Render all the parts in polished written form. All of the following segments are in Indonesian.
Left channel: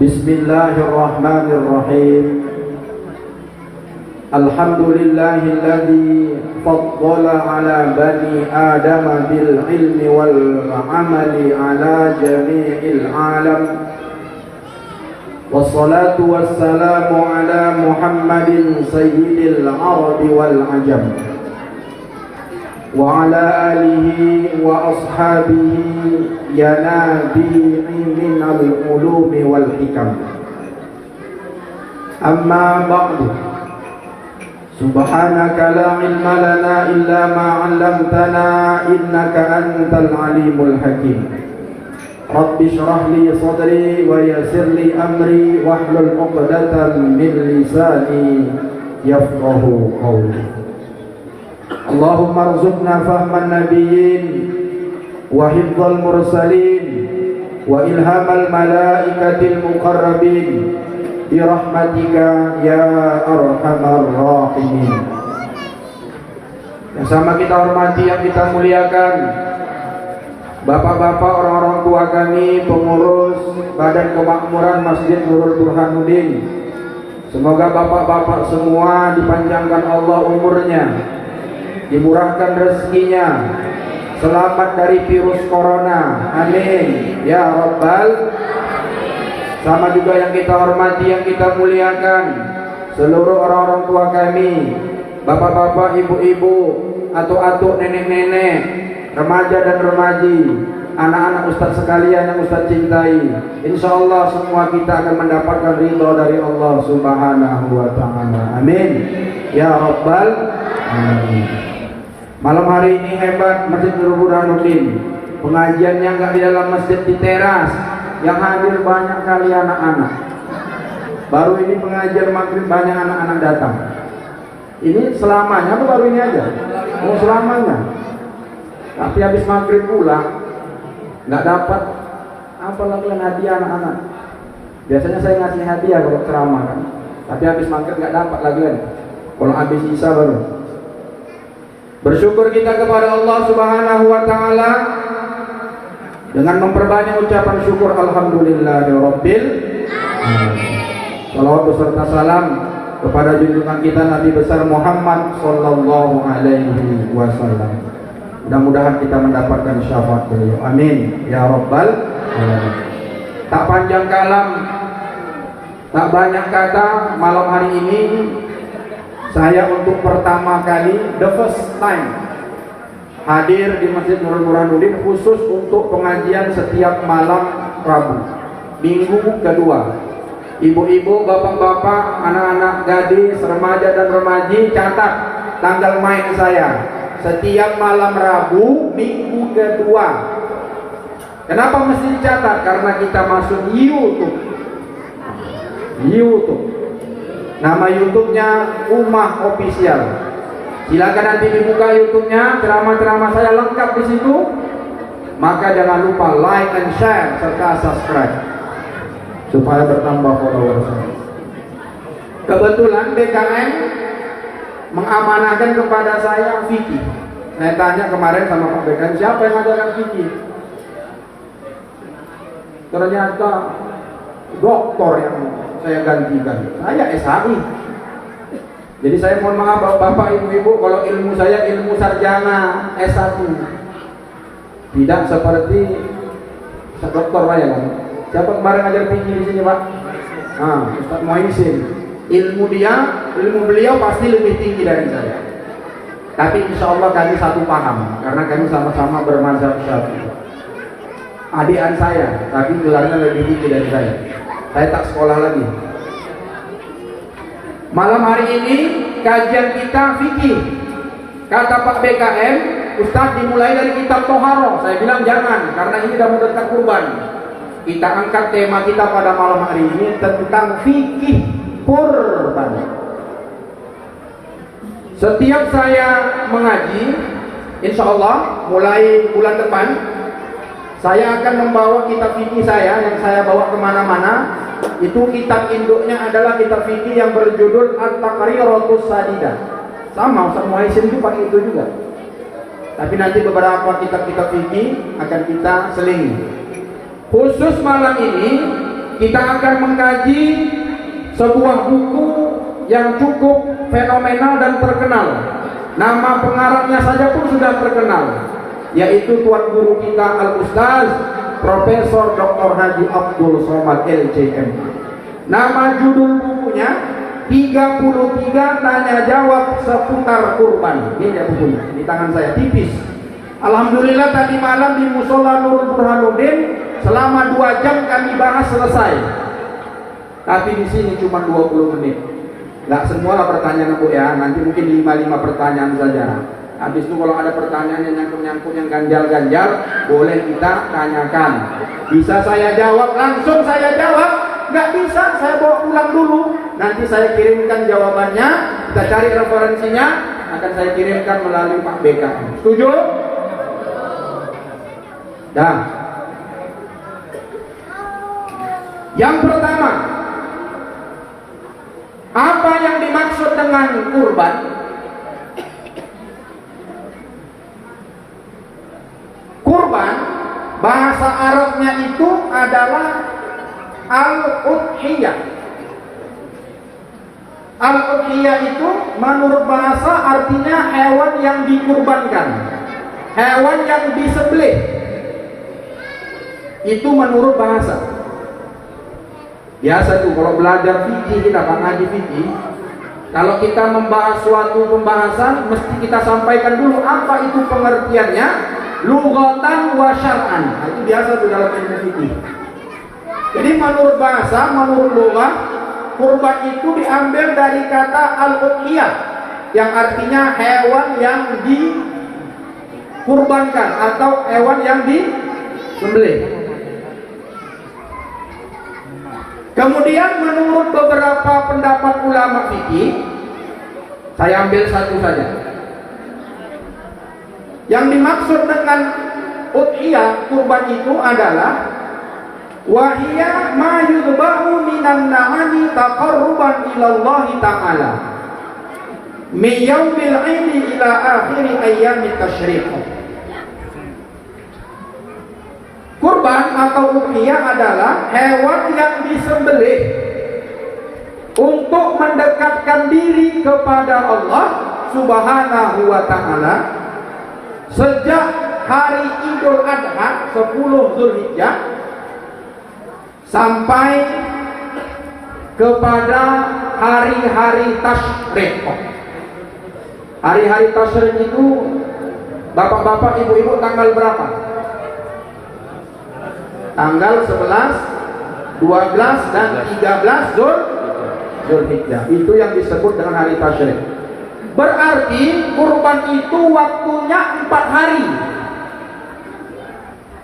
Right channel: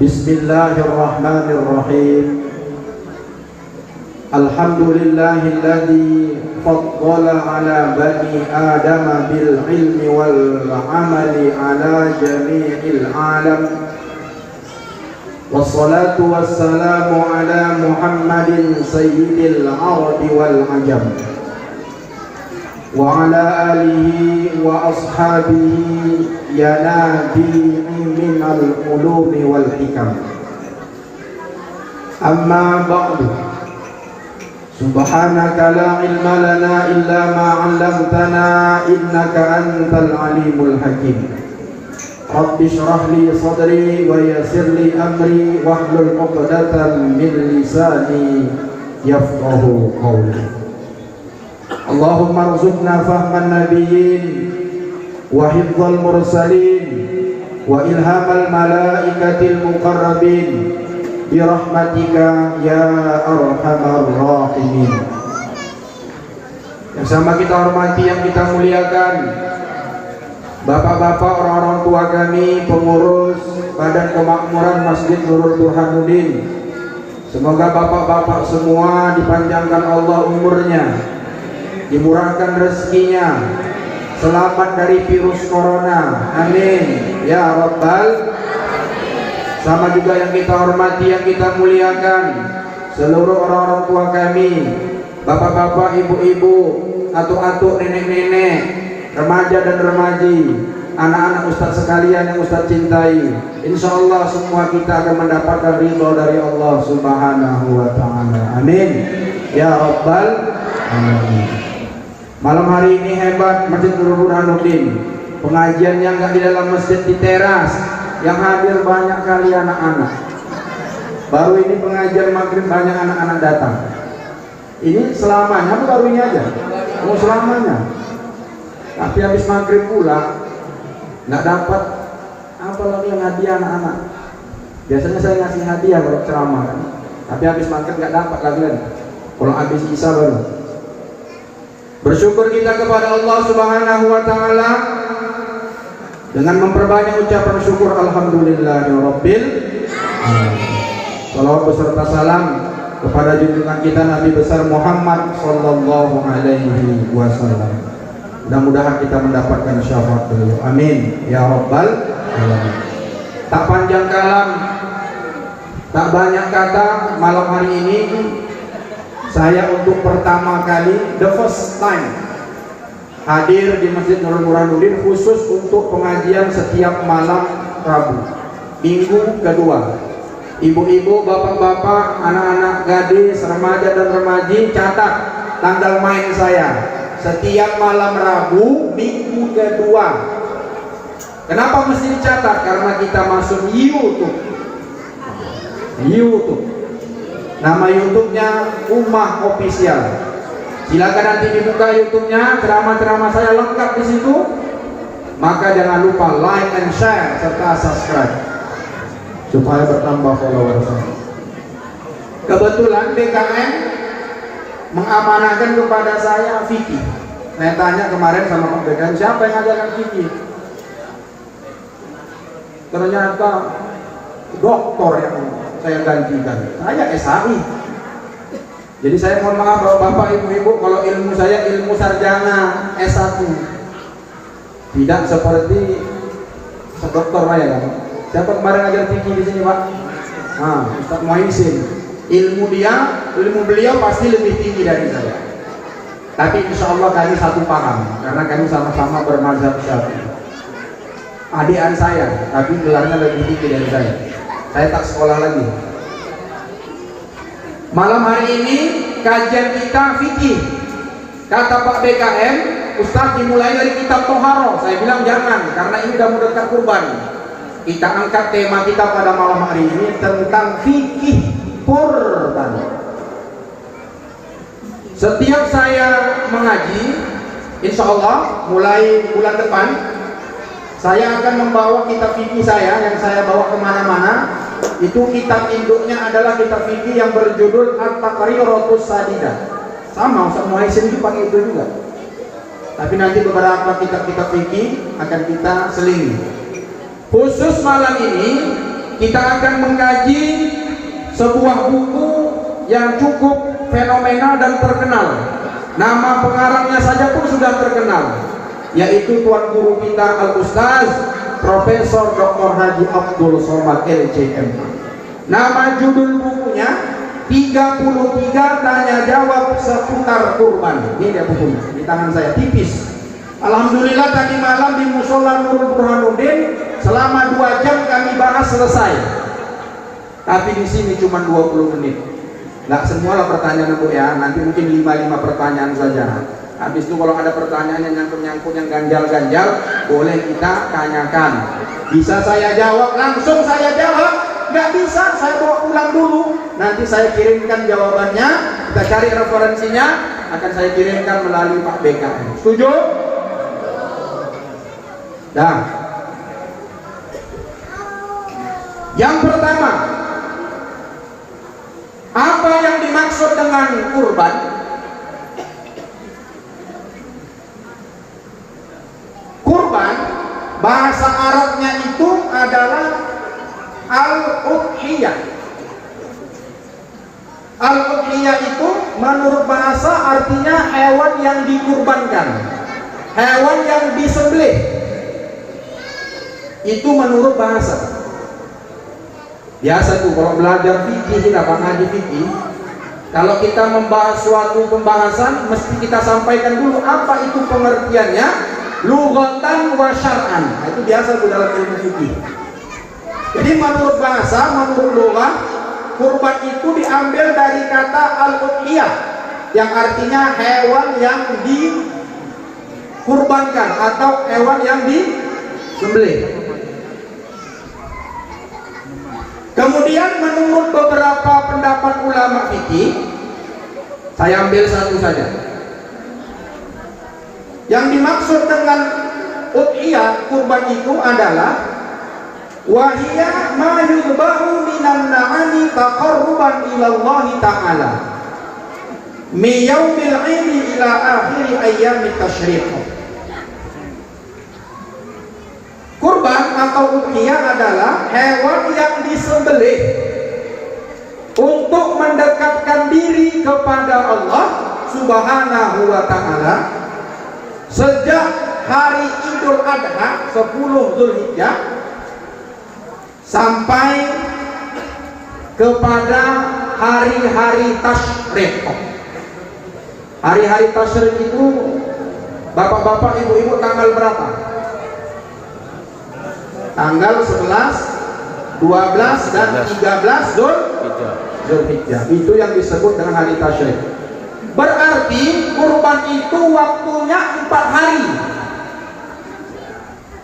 Bismillahirrahmanirrahim. Alhamdulillahilladzi faddala ala bani Adam bil ilmi wal amali ala jami'il alam. Wassalatu wassalamu ala Muhammadin sayyidil arabi wal ajam wa ala alihi wa ashabihi ya nabi'i minal ulumi wal hikam. Amma ba'du, subhanaka la ilma lana illa ma 'allamtana innaka antal alimul hakim. Rabbi shrah li sadri wa yassir li amri wahlul 'uqdatam min lisani yafqahu qawli. Allahumma arzuqna fahman nabiyyin wa hifdzal mursalin wa ilhamal malaikatil muqarrabin bi rahmatika ya arhamar rahimin. Yang sama kita hormati, yang kita muliakan bapak-bapak, orang-orang tua kami, pengurus Badan Kemakmuran Masjid Nurul Burhanuddin. Semoga bapak-bapak semua dipanjangkan Allah umurnya, dimurahkan rezekinya, selamat dari virus corona, amin ya rabbal. Sama juga yang kita hormati, yang kita muliakan seluruh orang-orang tua kami, bapak-bapak, ibu-ibu, atuk-atuk, nenek-nenek, remaja dan remaji, anak-anak ustaz sekalian yang ustaz cintai. Insya Allah semua kita akan mendapatkan ridho dari Allah Subhanahu wa ta'ala, amin ya rabbal alamin. Malam hari ini hebat Masjid Nurul Burhanuddin. Pengajiannya nggak di dalam masjid, di teras, yang hadir banyak kali anak-anak. Baru ini pengajian maghrib banyak anak-anak datang. Ini selamanya atau baru ini aja? Mau selamanya. Tapi habis maghrib pulang nggak dapat apa lagi yang hadiah anak-anak. Biasanya saya ngasih hadiah kalau ceramah kan. Tapi habis maghrib nggak dapat lagi kan. Kalau habis isya baru. Bersyukur kita kepada Allah Subhanahu wa ta'ala dengan memperbanyak ucapan syukur alhamdulillahirabbil alamin. Salawat beserta salam kepada junjungan kita Nabi besar Muhammad sallallahu alaihi wasallam. Mudah-mudahan kita mendapatkan syafaat beliau, amin ya rabbal alamin. Tak panjang kalam, tak banyak kata, malam hari ini saya untuk pertama kali, the first time, hadir di Masjid Nurul Burhanuddin khusus untuk pengajian setiap malam Rabu, minggu kedua. Ibu-ibu, bapak-bapak, anak-anak gadis, remaja dan remaji, catat tanggal main saya. Setiap malam Rabu, minggu kedua. Kenapa mesti dicatat? Karena kita masuk YouTube. Nama YouTube-nya Ummah Official. Silakan nanti dibuka YouTube-nya, ceramah-ceramah saya lengkap di situ. Maka jangan lupa like and share serta subscribe supaya bertambah followers. Kebetulan DKM mengamanahkan kepada saya fikih. Saya tanya kemarin sama Pak DKM, siapa yang ngajarkan fikih? Ternyata doktor yang saya gantikan. Saya SHI. Jadi saya mohon maaf bapak ibu-ibu kalau ilmu saya ilmu sarjana S1. Tidak seperti dokter saya kan. Siapa kemarin ngajar fikih di sini, Pak? Nah, Ustaz Muhaisin. Ilmu beliau pasti lebih tinggi dari saya. Tapi insya Allah kami satu paham karena kami sama-sama bermazhab Syafi'i. Adik saya, tapi gelarnya lebih tinggi dari saya. Saya tak sekolah lagi. Malam hari ini kajian kita fikih. Kata Pak BKM, Ustaz dimulai dari kitab Toharo. Saya bilang jangan, karena ini sudah mendekat kurban. Kita angkat tema kita pada malam hari ini tentang fikih kurban. Setiap saya mengaji, insya Allah mulai bulan depan saya akan membawa kitab fikih saya yang saya bawa kemana-mana. Itu kitab induknya adalah kitab fikih yang berjudul At-Taqriratus Sadidah. Sama Ustaz Muhaisin juga pakai itu juga. Tapi nanti beberapa kitab-kitab fikih akan kita selingi. Khusus malam ini kita akan mengkaji sebuah buku yang cukup fenomenal dan terkenal. Nama pengarangnya saja pun sudah terkenal, yaitu Tuan Guru kita Al-Ustaz Profesor Dr. Haji Abdul Somad LCM. Nama judul bukunya 33 tanya jawab seputar kurban. Ini dia bukunya di tangan saya, tipis. Alhamdulillah tadi malam di Musola Nurul Burhanuddin selama 2 jam kami bahas selesai. Tapi di sini cuma 20 menit. Nggak semua pertanyaan Bu ya, nanti mungkin 5 pertanyaan saja. Habis itu kalau ada pertanyaan yang nyangkut-nyangkut yang ganjal-ganjal, boleh kita tanyakan. Bisa saya jawab, langsung saya jawab. Nggak bisa, saya bawa pulang dulu. Nanti saya kirimkan jawabannya, kita cari referensinya, akan saya kirimkan melalui Pak BKM. Setuju? Dah. Yang pertama, apa yang dimaksud dengan kurban? Kurban bahasa Arabnya itu adalah al-udhiyah. Al-udhiyah itu menurut bahasa artinya hewan yang dikurbankan, hewan yang disembelih. Itu menurut bahasa. Biasa tuh kalau belajar fikih, kita ngaji fikih, kalau kita membahas suatu pembahasan mesti kita sampaikan dulu apa itu pengertiannya, lughatan wa syar'an. Nah, itu biasa tuh dalam ilmu fikih. Jadi menurut bahasa, menurut lughah, kurban itu diambil dari kata al-udhiyah yang artinya hewan yang dikurbankan atau hewan yang disembelih. Kemudian menurut beberapa pendapat ulama fikih, saya ambil satu saja. Yang dimaksud dengan udhiyah, kurban itu adalah wahiyya ma yudbahu minan na'ani taqarruban ila Allah ta'ala min yaumil 'idi ila akhir ayyamit tasyriq. Kurban atau udhiyah adalah hewan yang disembelih untuk mendekatkan diri kepada Allah Subhanahu wa ta'ala sejak hari Idul Adha 10 Zulhijjah sampai kepada hari-hari tasyrik. Hari-hari tasyrik itu bapak-bapak, ibu-ibu tanggal berapa? Tanggal 11, 12 dan 13 Zulhijjah. Itu yang disebut dengan hari tasyrik. Berarti kurban itu waktunya 4 hari.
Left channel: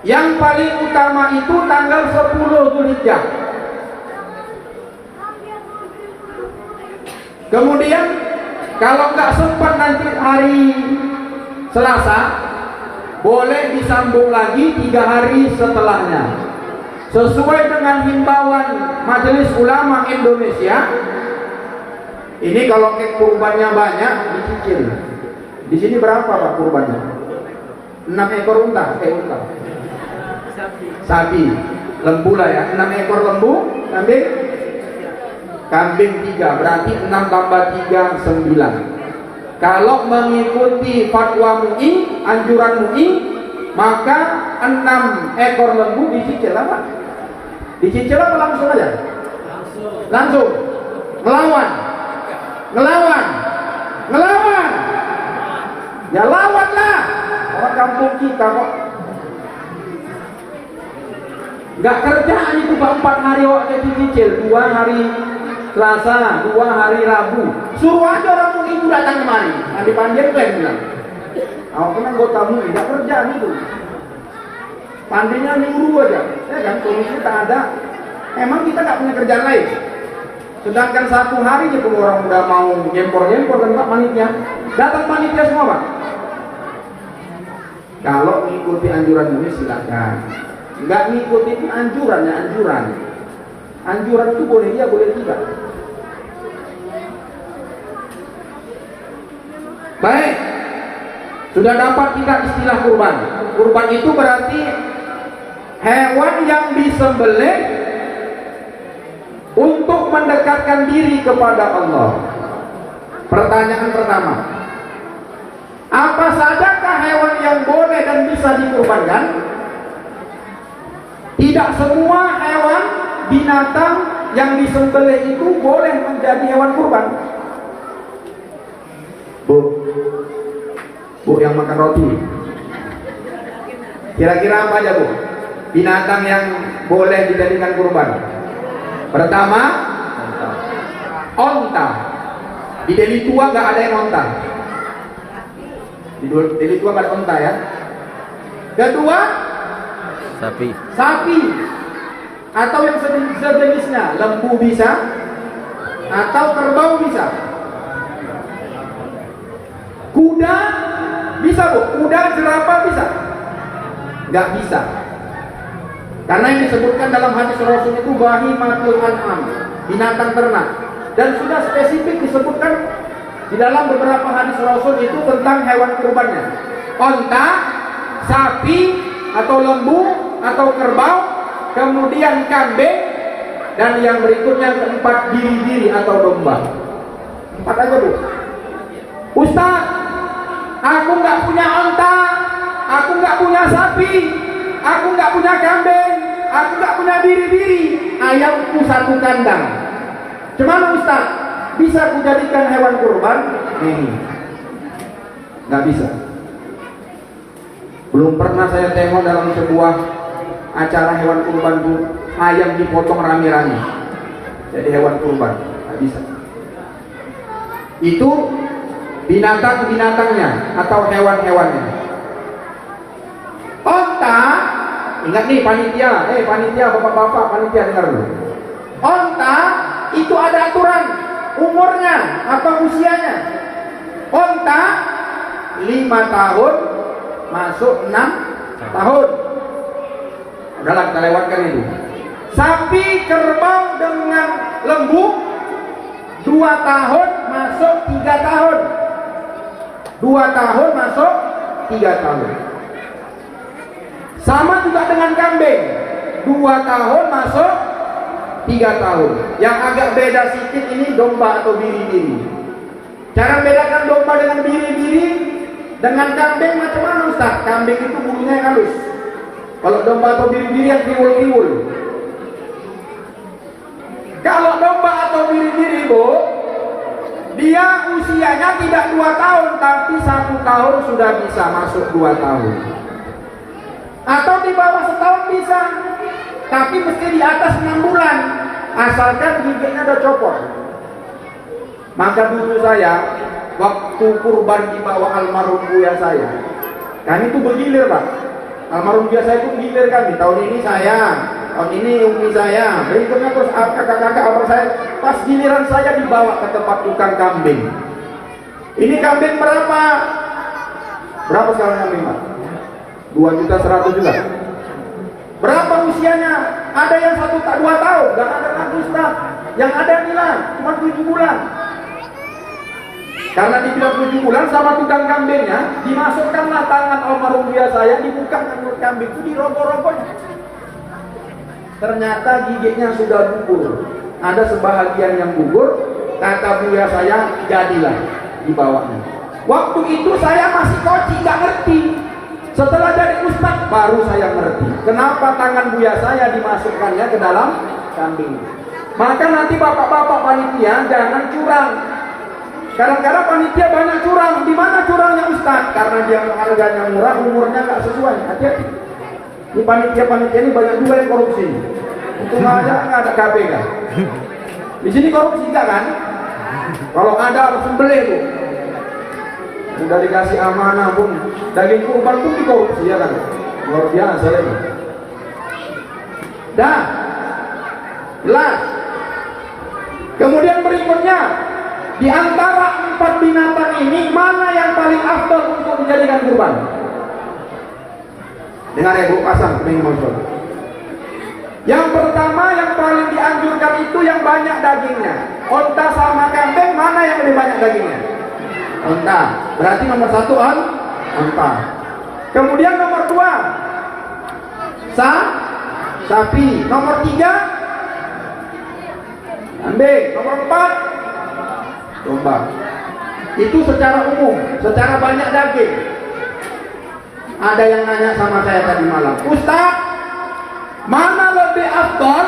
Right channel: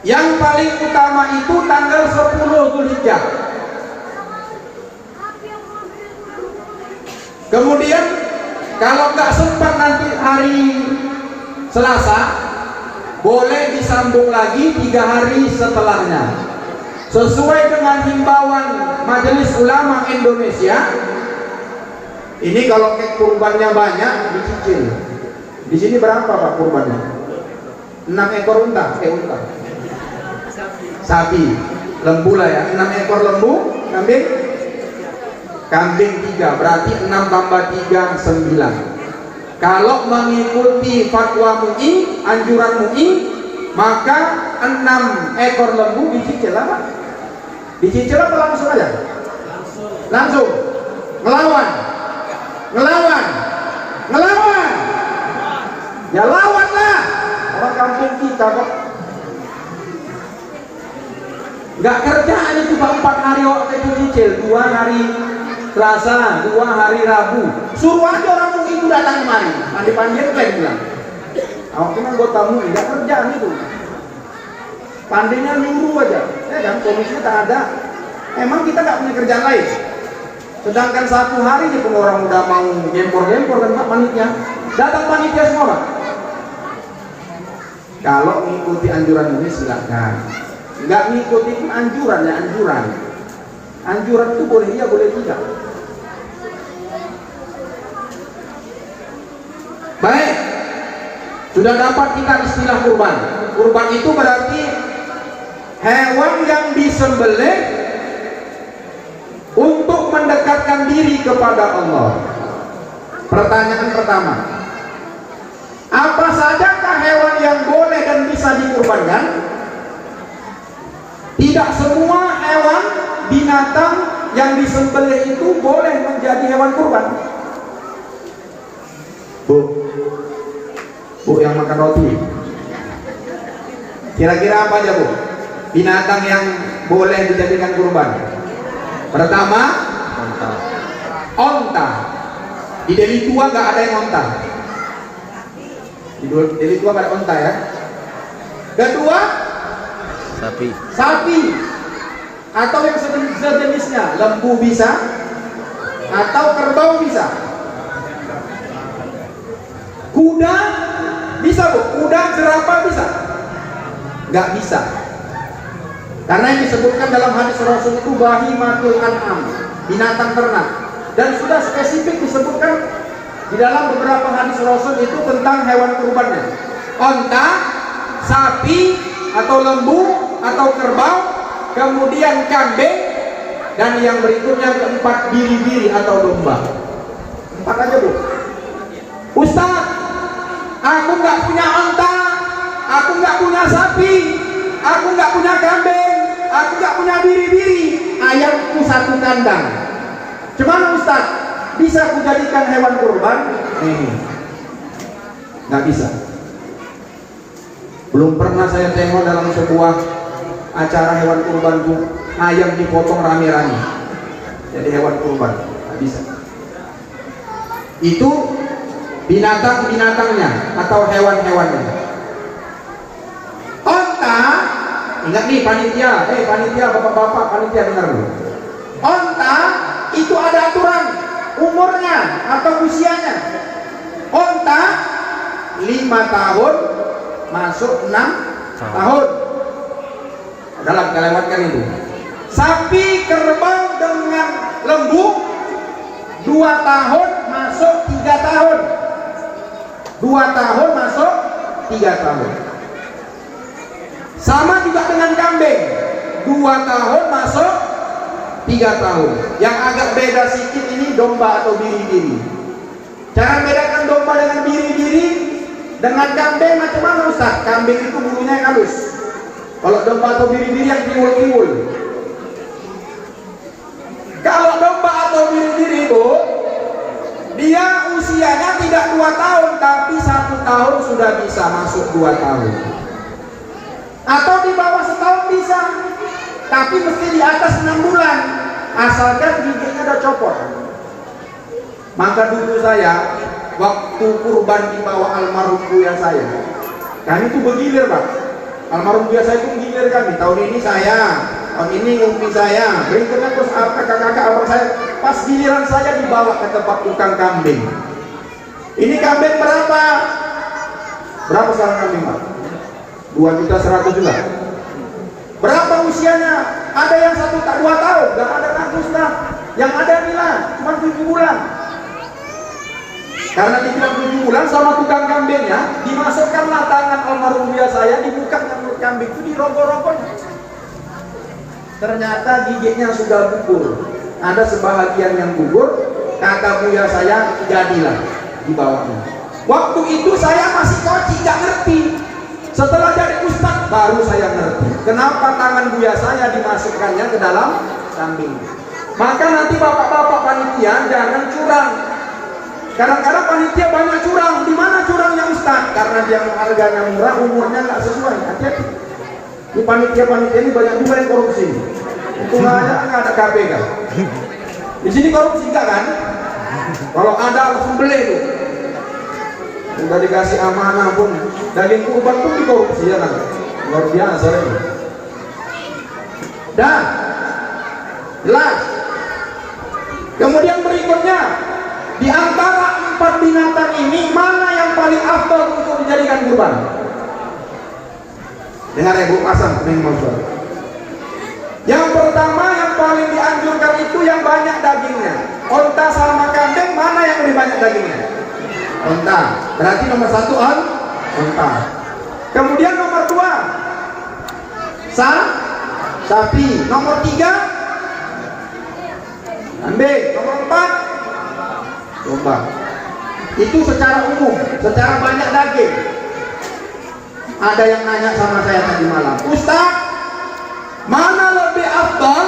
Yang paling utama itu tanggal 10 Zulhijjah. Kemudian kalau nggak sempat nanti hari Selasa, boleh disambung lagi 3 hari setelahnya. Sesuai dengan himbauan Majelis Ulama Indonesia, ini kalau kurbannya banyak dicicil. Di sini berapa Pak kurbannya? 6 ekor unta, unta. Sapi, lembu lah ya. 6 ekor lembu, kambing 3, berarti 6 tambah 3 9. Kalau mengikuti fatwa MUI, anjuran MUI, maka 6 ekor lembu dicicil apa? Dicicil apa langsung aja? Langsung. Ngelawan. Ya lawanlah. Orang kampung kita kok. Nggak kerjaan itu Pak, 4 hari waktu dicicil, 2 hari Selasa, 2 hari Rabu. Suruh aja orang itu datang kemari. Pandi-pandian itu yang bilang. Aku kan anggota MUI, nggak kerjaan itu. Pandinya nyuruh aja. Kan komisi tak ada. Emang kita nggak punya kerjaan lain. Sedangkan 1 hari gitu orang udah mau gempor-gempor kan Pak panitia. Datang panitia semua Pak. Kalau mengikuti anjuran MUI silakan. Nggak mengikuti anjurannya anjuran. Anjuran itu boleh iya boleh tidak. Baik, sudah dapat kita istilah kurban. Kurban itu berarti hewan yang disembelih untuk mendekatkan diri kepada Allah. Pertanyaan pertama, apa sajakah hewan yang boleh dan bisa dikurbankan? Tidak semua hewan binatang yang disembelih itu boleh menjadi hewan kurban. Bu yang makan roti, kira-kira apa aja Bu binatang yang boleh dijadikan kurban? Pertama, onta. Di Deli Tua nggak ada yang onta. Di Deli Tua nggak ada onta ya. Kedua, sapi atau yang sejenisnya. Lembu bisa atau kerbau bisa. Kuda bisa Bu, kuda, jerapah bisa? Nggak bisa. Karena yang disebutkan dalam hadis Rasul itu bahimatul an'am, binatang ternak. Dan sudah spesifik disebutkan di dalam beberapa hadis Rasul itu tentang hewan kurbannya. Onta, sapi atau lembu atau kerbau, kemudian kambing, dan yang berikutnya keempat biri-biri atau domba. 4 aja Bu. Ustaz, aku nggak punya onta, aku nggak punya sapi, aku nggak punya kambing, aku nggak punya biri-biri, ayamku 1 kandang. Cuman Ustaz, bisa aku jadikan hewan kurban? Nggak bisa. Belum pernah saya tengok dalam sebuah acara hewan kurban Bu, ayam dipotong rame-rame jadi hewan kurban. Nggak bisa. Itu binatang-binatangnya atau hewan-hewannya. Onta, ingat nih panitia, panitia, bapak-bapak, panitia dengar dulu. Onta itu ada aturan umurnya atau usianya. Onta 5 tahun masuk 6 tahun. Udahlah kita lewatkan itu. Sapi, kerbau dengan lembu 2 tahun masuk 3 tahun. 2 tahun masuk 3 tahun. Sama juga dengan kambing, 2 tahun masuk 3 tahun. Yang agak beda sedikit ini domba atau biri-biri. Cara bedakan domba dengan biri-biri dengan kambing macam mana Ustaz? Kambing itu bulunya yang halus. Kalau domba atau biri-biri yang tiwul-tiwul. Kalau domba atau biri-biri Bu, dia usianya tidak 2 tahun, tapi 1 tahun sudah bisa masuk 2 tahun. Atau di bawah setahun bisa, tapi mesti di atas 6 bulan, asalkan giginya udah copot. Maka dulu saya, waktu kurban di bawah almarhum buya saya, kami itu bergilir Pak. Almarhum buya saya itu gilir kami. Tahun ini saya, tahun ini umi saya, berikutnya terus kakak-kakak abang saya. Pas giliran saya dibawa ke tempat tukang kambing. Ini kambing berapa? Berapa sekarang kambing Pak? 2.100.000 juga. Berapa usianya? Ada yang 2 tahun, gak ada lagi Ustaz. Yang ada nilai cuma 7 bulan. Karena dibilang 7 bulan sama tukang kambingnya, dimasukkanlah tangan almarhum buya saya, dibuka mulut kambing itu, dirogoh-rogohnya. Ternyata giginya sudah gugur. Ada sebahagian yang gugur, kata buya saya, jadilah dibawanya. Waktu itu saya masih koci, gak ngerti. Setelah dari Ustaz baru saya ngerti kenapa tangan buya saya dimasukkannya ke dalam kambing. Maka nanti bapak-bapak panitia jangan curang. Kadang-kadang panitia banyak curang. Di mana curangnya Ustaz? Karena dia harganya murah, umurnya nggak sesuai. Hati-hati. Di panitia-panitia ini banyak juga yang korupsi. Itu aja nggak ada KPK. Di sini korupsi enggak kan? Kalau ada langsung beli tuh. Udah dikasih amanah pun daging kurban pun dikorupsi ya kan? Luar biasa ini. Dan jelas. Kemudian berikutnya, di antara 4 binatang ini mana yang paling afdal untuk dijadikan kurban? Dengar ya Bu, pasang minimal suara. Yang pertama yang paling dianjurkan itu yang banyak dagingnya. Onta sama kambing mana yang lebih banyak dagingnya? Onta. Berarti nomor 1 onta. Kemudian nomor 2 sapi. Nomor 3 Kambing. Nomor 4 domba. Itu secara umum, secara banyak daging. Ada yang nanya sama saya tadi malam, Ustaz, mana lebih afdal?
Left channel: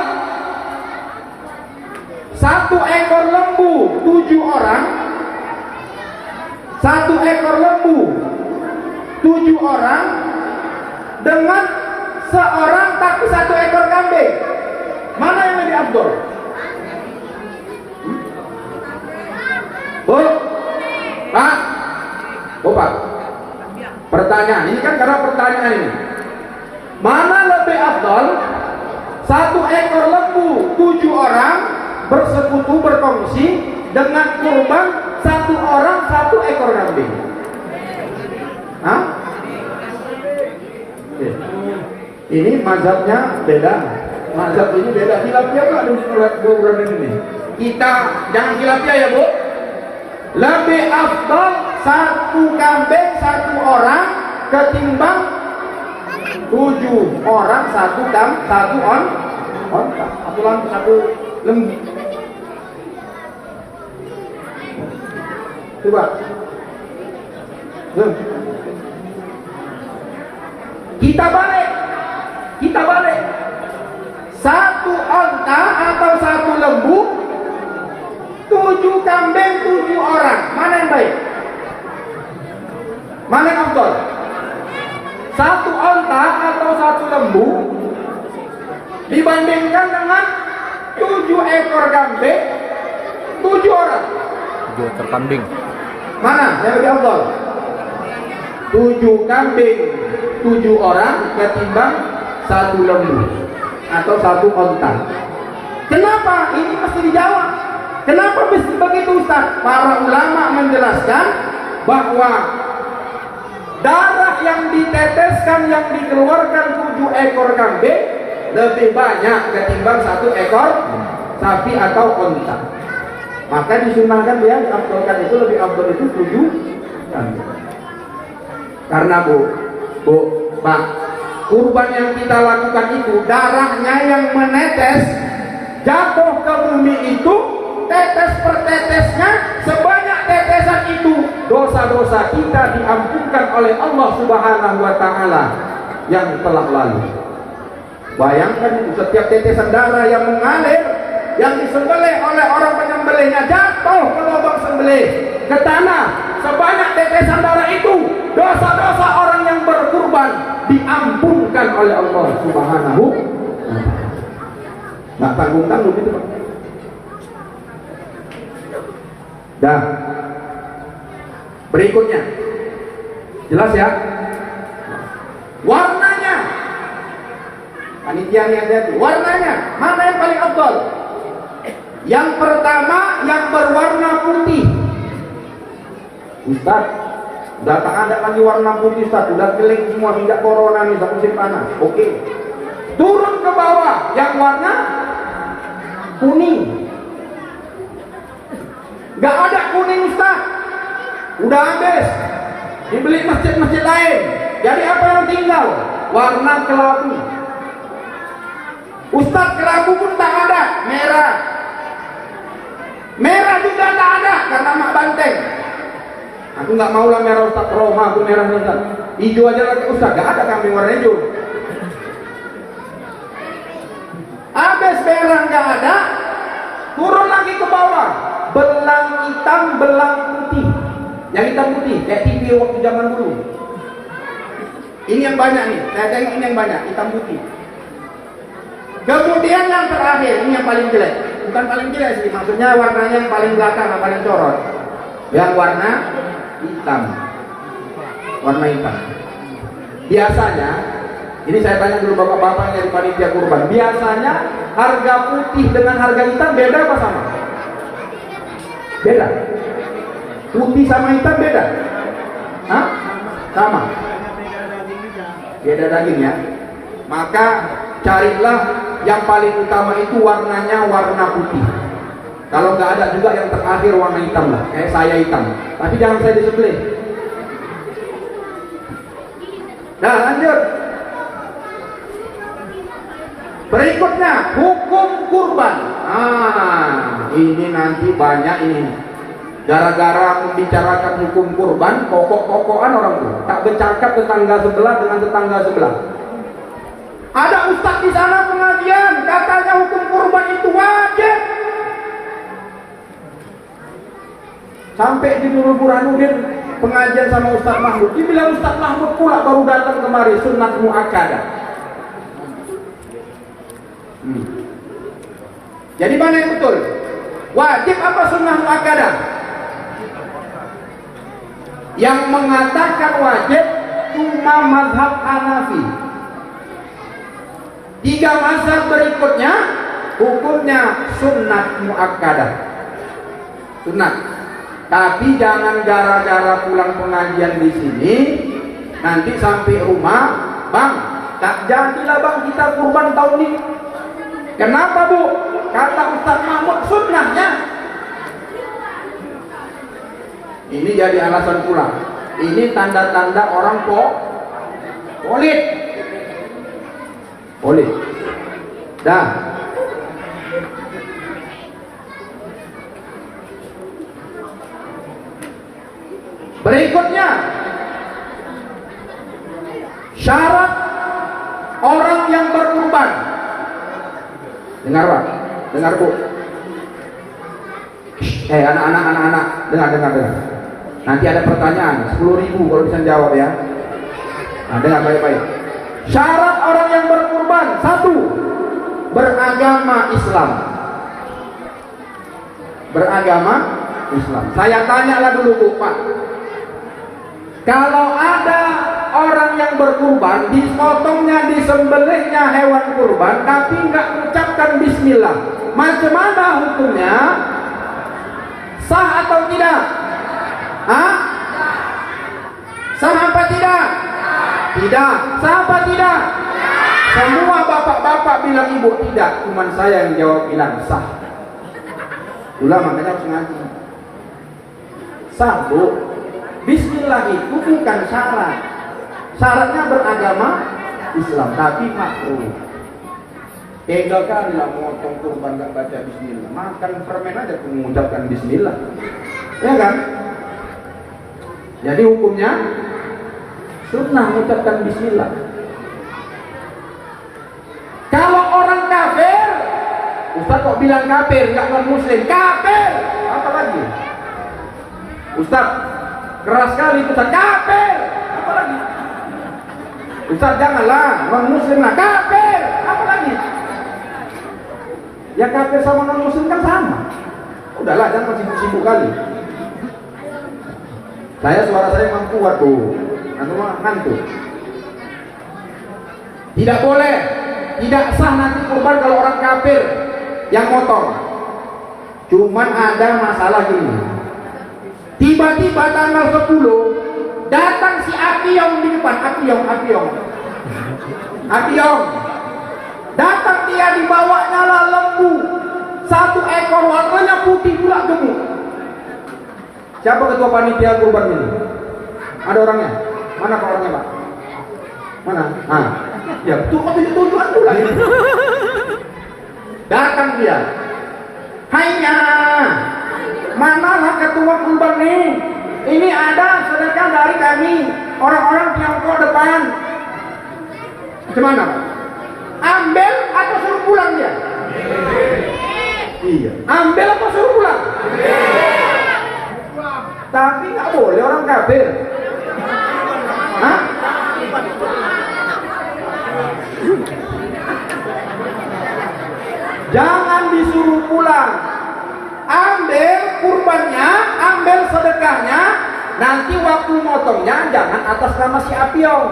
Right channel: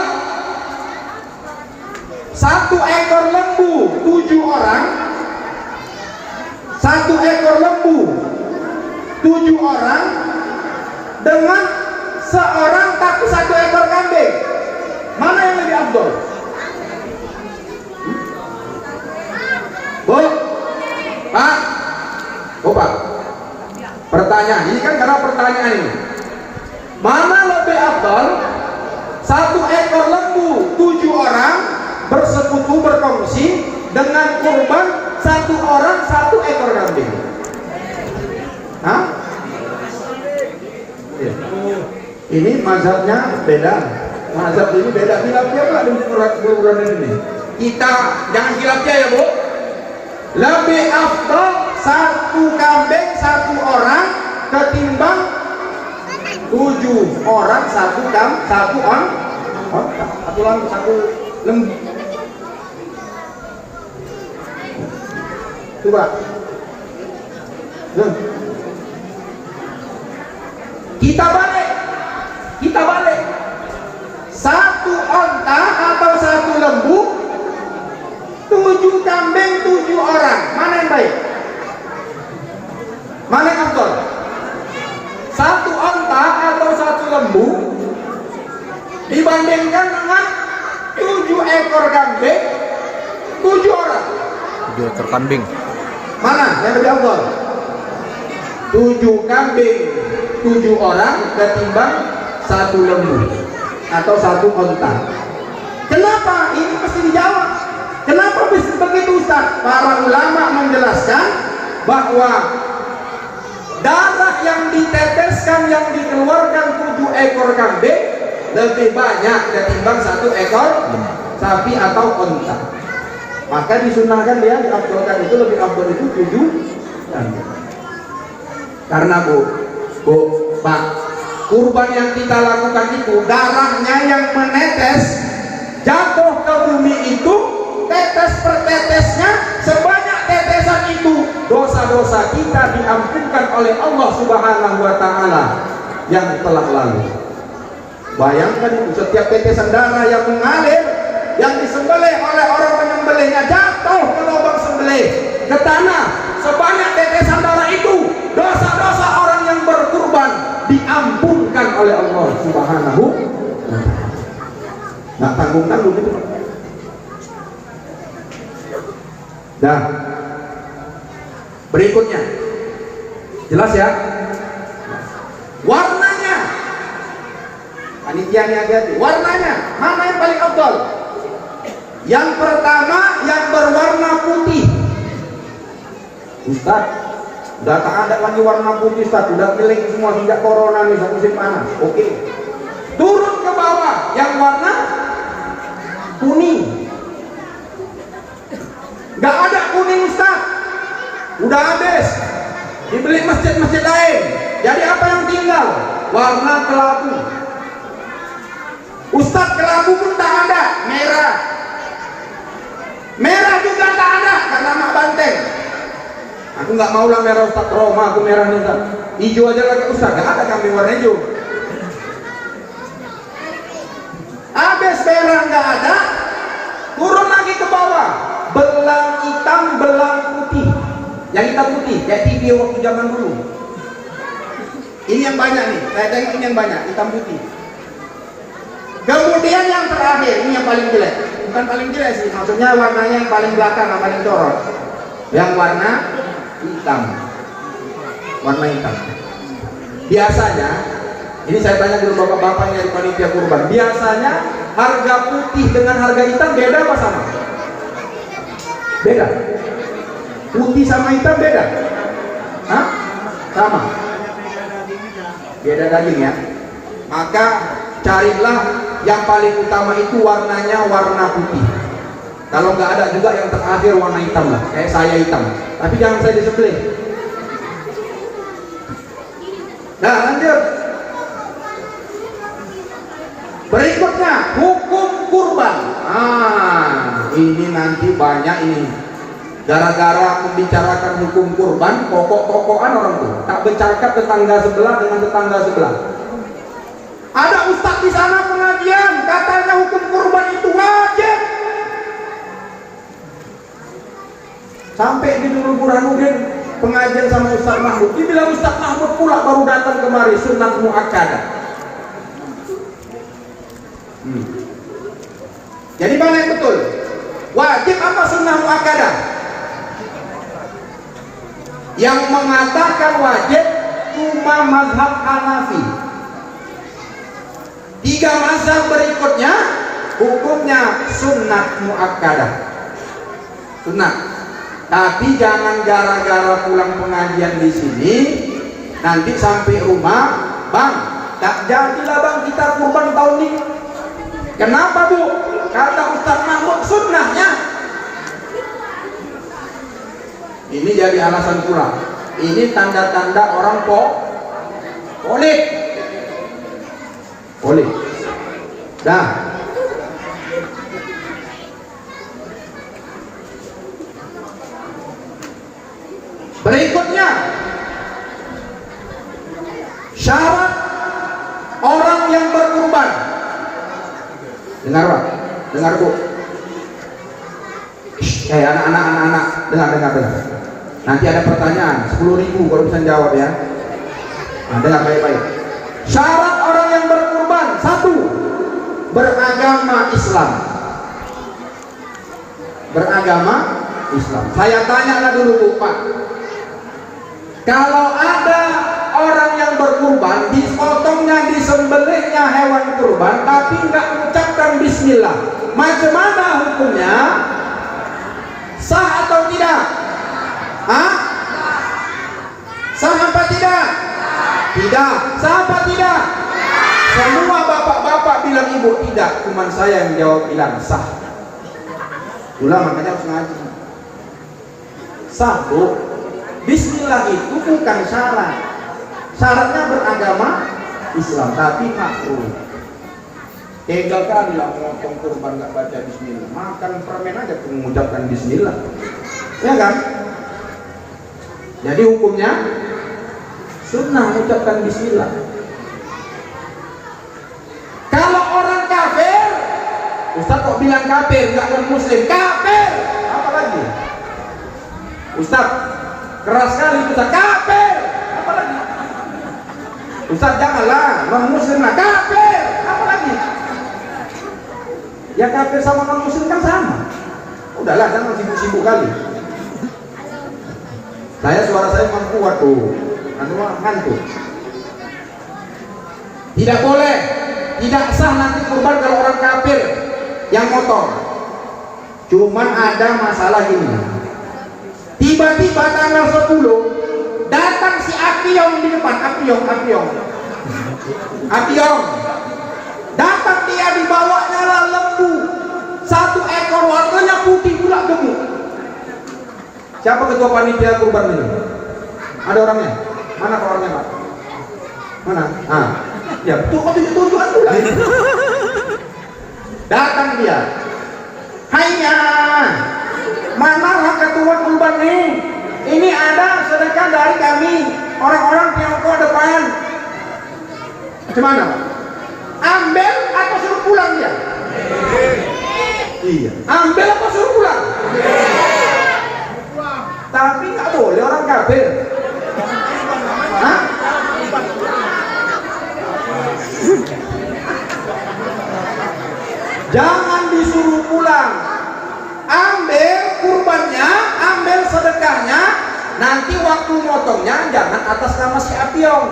1 ekor lembu 7 orang, 1 ekor lembu 7 orang, dengan seorang tapi 1 ekor kambing. Mana yang lebih afdal? Bu, Pak, Bu Pak, pertanyaan ini kan karena pertanyaan ini, mana lebih afdal? 1 ekor lembu 7 orang bersekutu berkongsi dengan kurban 1 orang 1 ekor kambing. Hah? Ya. Ini mazhabnya beda. Mazhab ini beda. Khilafiyah nggak dengan ini? Kita jangan khilafiyah ya Bu. Lebih afdal 1 kambing 1 orang ketimbang 7 orang 1 lembu. Coba. Kita balik. 1 onta atau 1 lembu, 7 kambing 7 orang. Mana yang baik? Mana yang afdal? 1 onta atau 1 lembu dibandingkan dengan 7 ekor kambing 7 orang. 7 ekor kambing. Mana yang lebih afdal? 7 kambing 7 orang ketimbang 1 lembu atau 1 onta. Kenapa? Ini mesti dijawab. Kenapa begitu Ustaz? Para ulama menjelaskan bahwa darah yang diteteskan, yang dikeluarkan 7 ekor kambing lebih banyak ketimbang 1 ekor sapi atau onta. Maka disunahkan dia diafdalkan itu, lebih afdal itu 7 kambing. Karena Bu, Pak, kurban yang kita lakukan itu darahnya yang menetes jatuh ke bumi itu, tetes per tetesnya, sebanyak tetesan itu dosa-dosa kita diampunkan oleh Allah Subhanahu wa Ta'ala yang telah lalu. Bayangkan itu, setiap tetesan darah yang mengalir, yang disembelih oleh orang penyembelihnya jatuh ke lubang sembelih, ke tanah, sebanyak tetesan darah itu, dosa-dosa orang yang berkurban diampunkan oleh Allah Subhanahu wa Ta'ala. Nah, tanggung-tanggung itu Pak. Dah. Berikutnya, jelas ya? Warnanya, panitia hati-hati. Warnanya, mana yang paling afdal? Yang pertama, yang berwarna putih. Ustaz, udah tak ada lagi warna putih Ustaz, udah kering semua sejak corona nih, musim panas. Oke. Turun ke bawah, yang warna kuning. Gak ada kuning Ustaz, udah habis, dibeli masjid-masjid lain. Jadi apa yang tinggal? Warna kelabu. Ustaz, kelabu pun tak ada, merah. Merah juga tak ada karena mak banteng. Aku nggak mau lah merah Ustaz, Roma aku merah nih Ustaz. Hijau aja lagi Ustaz, gak ada kambing warna hijau. Habis merah nggak ada, turun lagi ke bawah, belang hitam, belang putih. Yang hitam putih, kayak TV waktu zaman dulu. Ini yang banyak nih, saya tengok ini yang banyak, hitam putih. Kemudian yang terakhir, ini yang paling jelek. Bukan paling jelek sih, maksudnya warnanya yang paling belakang, yang paling corot. Yang warna hitam. Warna hitam. Biasanya, ini saya tanya dulu bapak-bapak yang di panitia kurban. Biasanya harga putih dengan harga hitam beda apa sama? Beda. Putih sama hitam beda? Hah? Sama. Beda daging ya. Maka carilah yang paling utama itu warnanya warna putih. Kalau nggak ada juga yang terakhir warna hitam lah, kayak saya hitam. Tapi jangan saya disembelih. Nah, lanjut. Berikutnya hukum kurban. ini nanti banyak ini. Gara-gara membicarakan hukum kurban, pokok-pokokan orang tuh. Tak bercakap tetangga sebelah dengan tetangga sebelah. Ada ustadz di sana pengajian, katanya hukum kurban itu wajib. Sampai di Nurul Burhanuddin pengajian sama Ustadz Mahmud. Dibilang Ustadz Mahmud pula baru datang kemari, sunnah muakkadah. Jadi mana yang betul? Wajib apa sunnah muakkadah? Yang mengatakan wajib cuma mazhab Hanafi. 3 mazhab berikutnya hukumnya sunnah muakkadah. Sunnah. Tapi jangan gara-gara pulang pengajian di sini nanti sampai rumah, bang, tak jadilah bang kita kurban tahun ini. Kenapa bu? Kata Ustaz Mahmud sunnahnya. Ini jadi alasan pula. Ini tanda-tanda orang polik. Dah. Berikutnya, syarat orang yang berkurban. Dengar Pak, dengar Bu. Anak-anak, dengar. Nanti ada pertanyaan, 10.000 kalau bisa jawab ya. Nah, dengar baik-baik. Syarat orang yang berkurban, 1, beragama Islam. Beragama Islam. Saya tanyalah dulu Bu Pak. Kalau ada orang yang berkurban, dipotongnya, disembelihnya hewan kurban, tapi nggak mengucapkan bismillah, macam mana hukumnya? Sah atau tidak? Hah? Sah apa tidak? Tidak. Sah apa tidak? Semua bapak-bapak bilang ibu tidak, cuma saya yang jawab bilang sah. Itulah makanya harus ngaji. Sah Bu. Bismillah itu bukan syarat. Syaratnya beragama Islam, tapi makruh. Tega kali lah motong kurban gak baca bismillah. Makan permen aja pun mengucapkan bismillah. Ya kan? Jadi hukumnya sunnah mengucapkan bismillah. Kalau orang kafir, Ustaz kok bilang kafir, gak non muslim? Kafir! Apa lagi? Ustaz keras sekali kita kafir. Apa lagi? Ustaz janganlah, non muslim lah kafir. Apa lagi? Ya kafir sama non muslim kan sama. Udahlah, jangan sibuk-sibuk kali. Suara saya memang kuat tuh. Hantu. Tidak boleh, tidak sah nanti kurban kalau orang kafir yang motong. Cuman ada masalah gini. Tiba-tiba tanggal 10 datang si Apiong di depan. Apiong datang, dia dibawanya lah lembu 1 ekor, warnanya putih pula gemuk. Siapa ketua panitia kurban ini? Ada orangnya? Mana orangnya Pak? Mana? Ya betul, kok tunjukan pula. Datang dia. Hainya, manalah ketua kurban nih? Ini ada sedekah dari kami, orang-orang Tiongkok depan. Macam mana? Ambil atau suruh pulang dia? Iya. Ambil atau suruh pulang? Tapi nggak boleh orang kafir. Hah? Jangan disuruh pulang. Ambil kurbannya, ambil sedekahnya. Nanti waktu motongnya jangan atas nama si Apiong.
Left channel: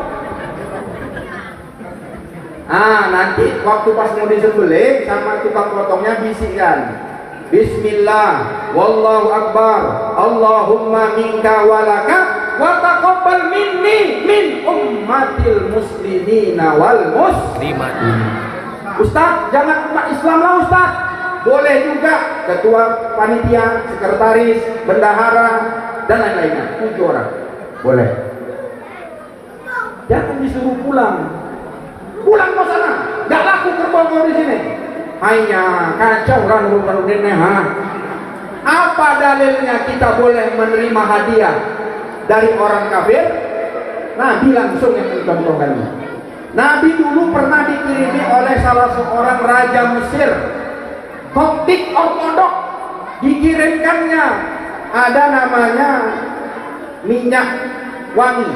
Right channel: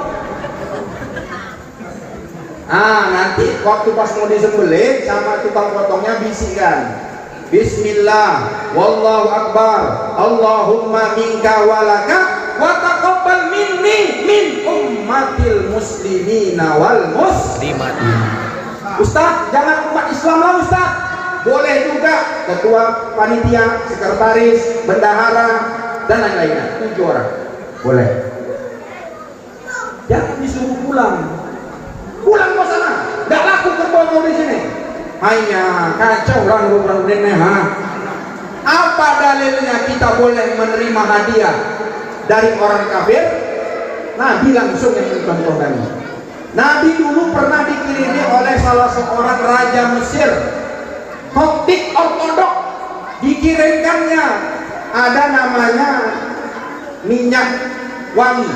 Nanti waktu pas mau disembelih sama tukang potongnya bisikkan, Bismillah, wallahu akbar, Allahumma minka walaka wa taqabbal minni min ummatil muslimina wal muslimat. Ustaz, jangan umat Islam lah Ustaz. Boleh juga ketua panitia, sekretaris, bendahara dan lain-lainnya, 7 orang. Boleh. Jangan disuruh pulang. Pulang ke sana. Enggak laku kerbau di sini. Hanya kacau orang ini, Apa dalilnya kita boleh menerima hadiah dari orang kafir? Nabi langsung yang mencontohkannya. Nabi dulu pernah dikirimi oleh salah seorang raja Mesir, Koptik Ortodok. Dikirimkannya ada namanya minyak wangi.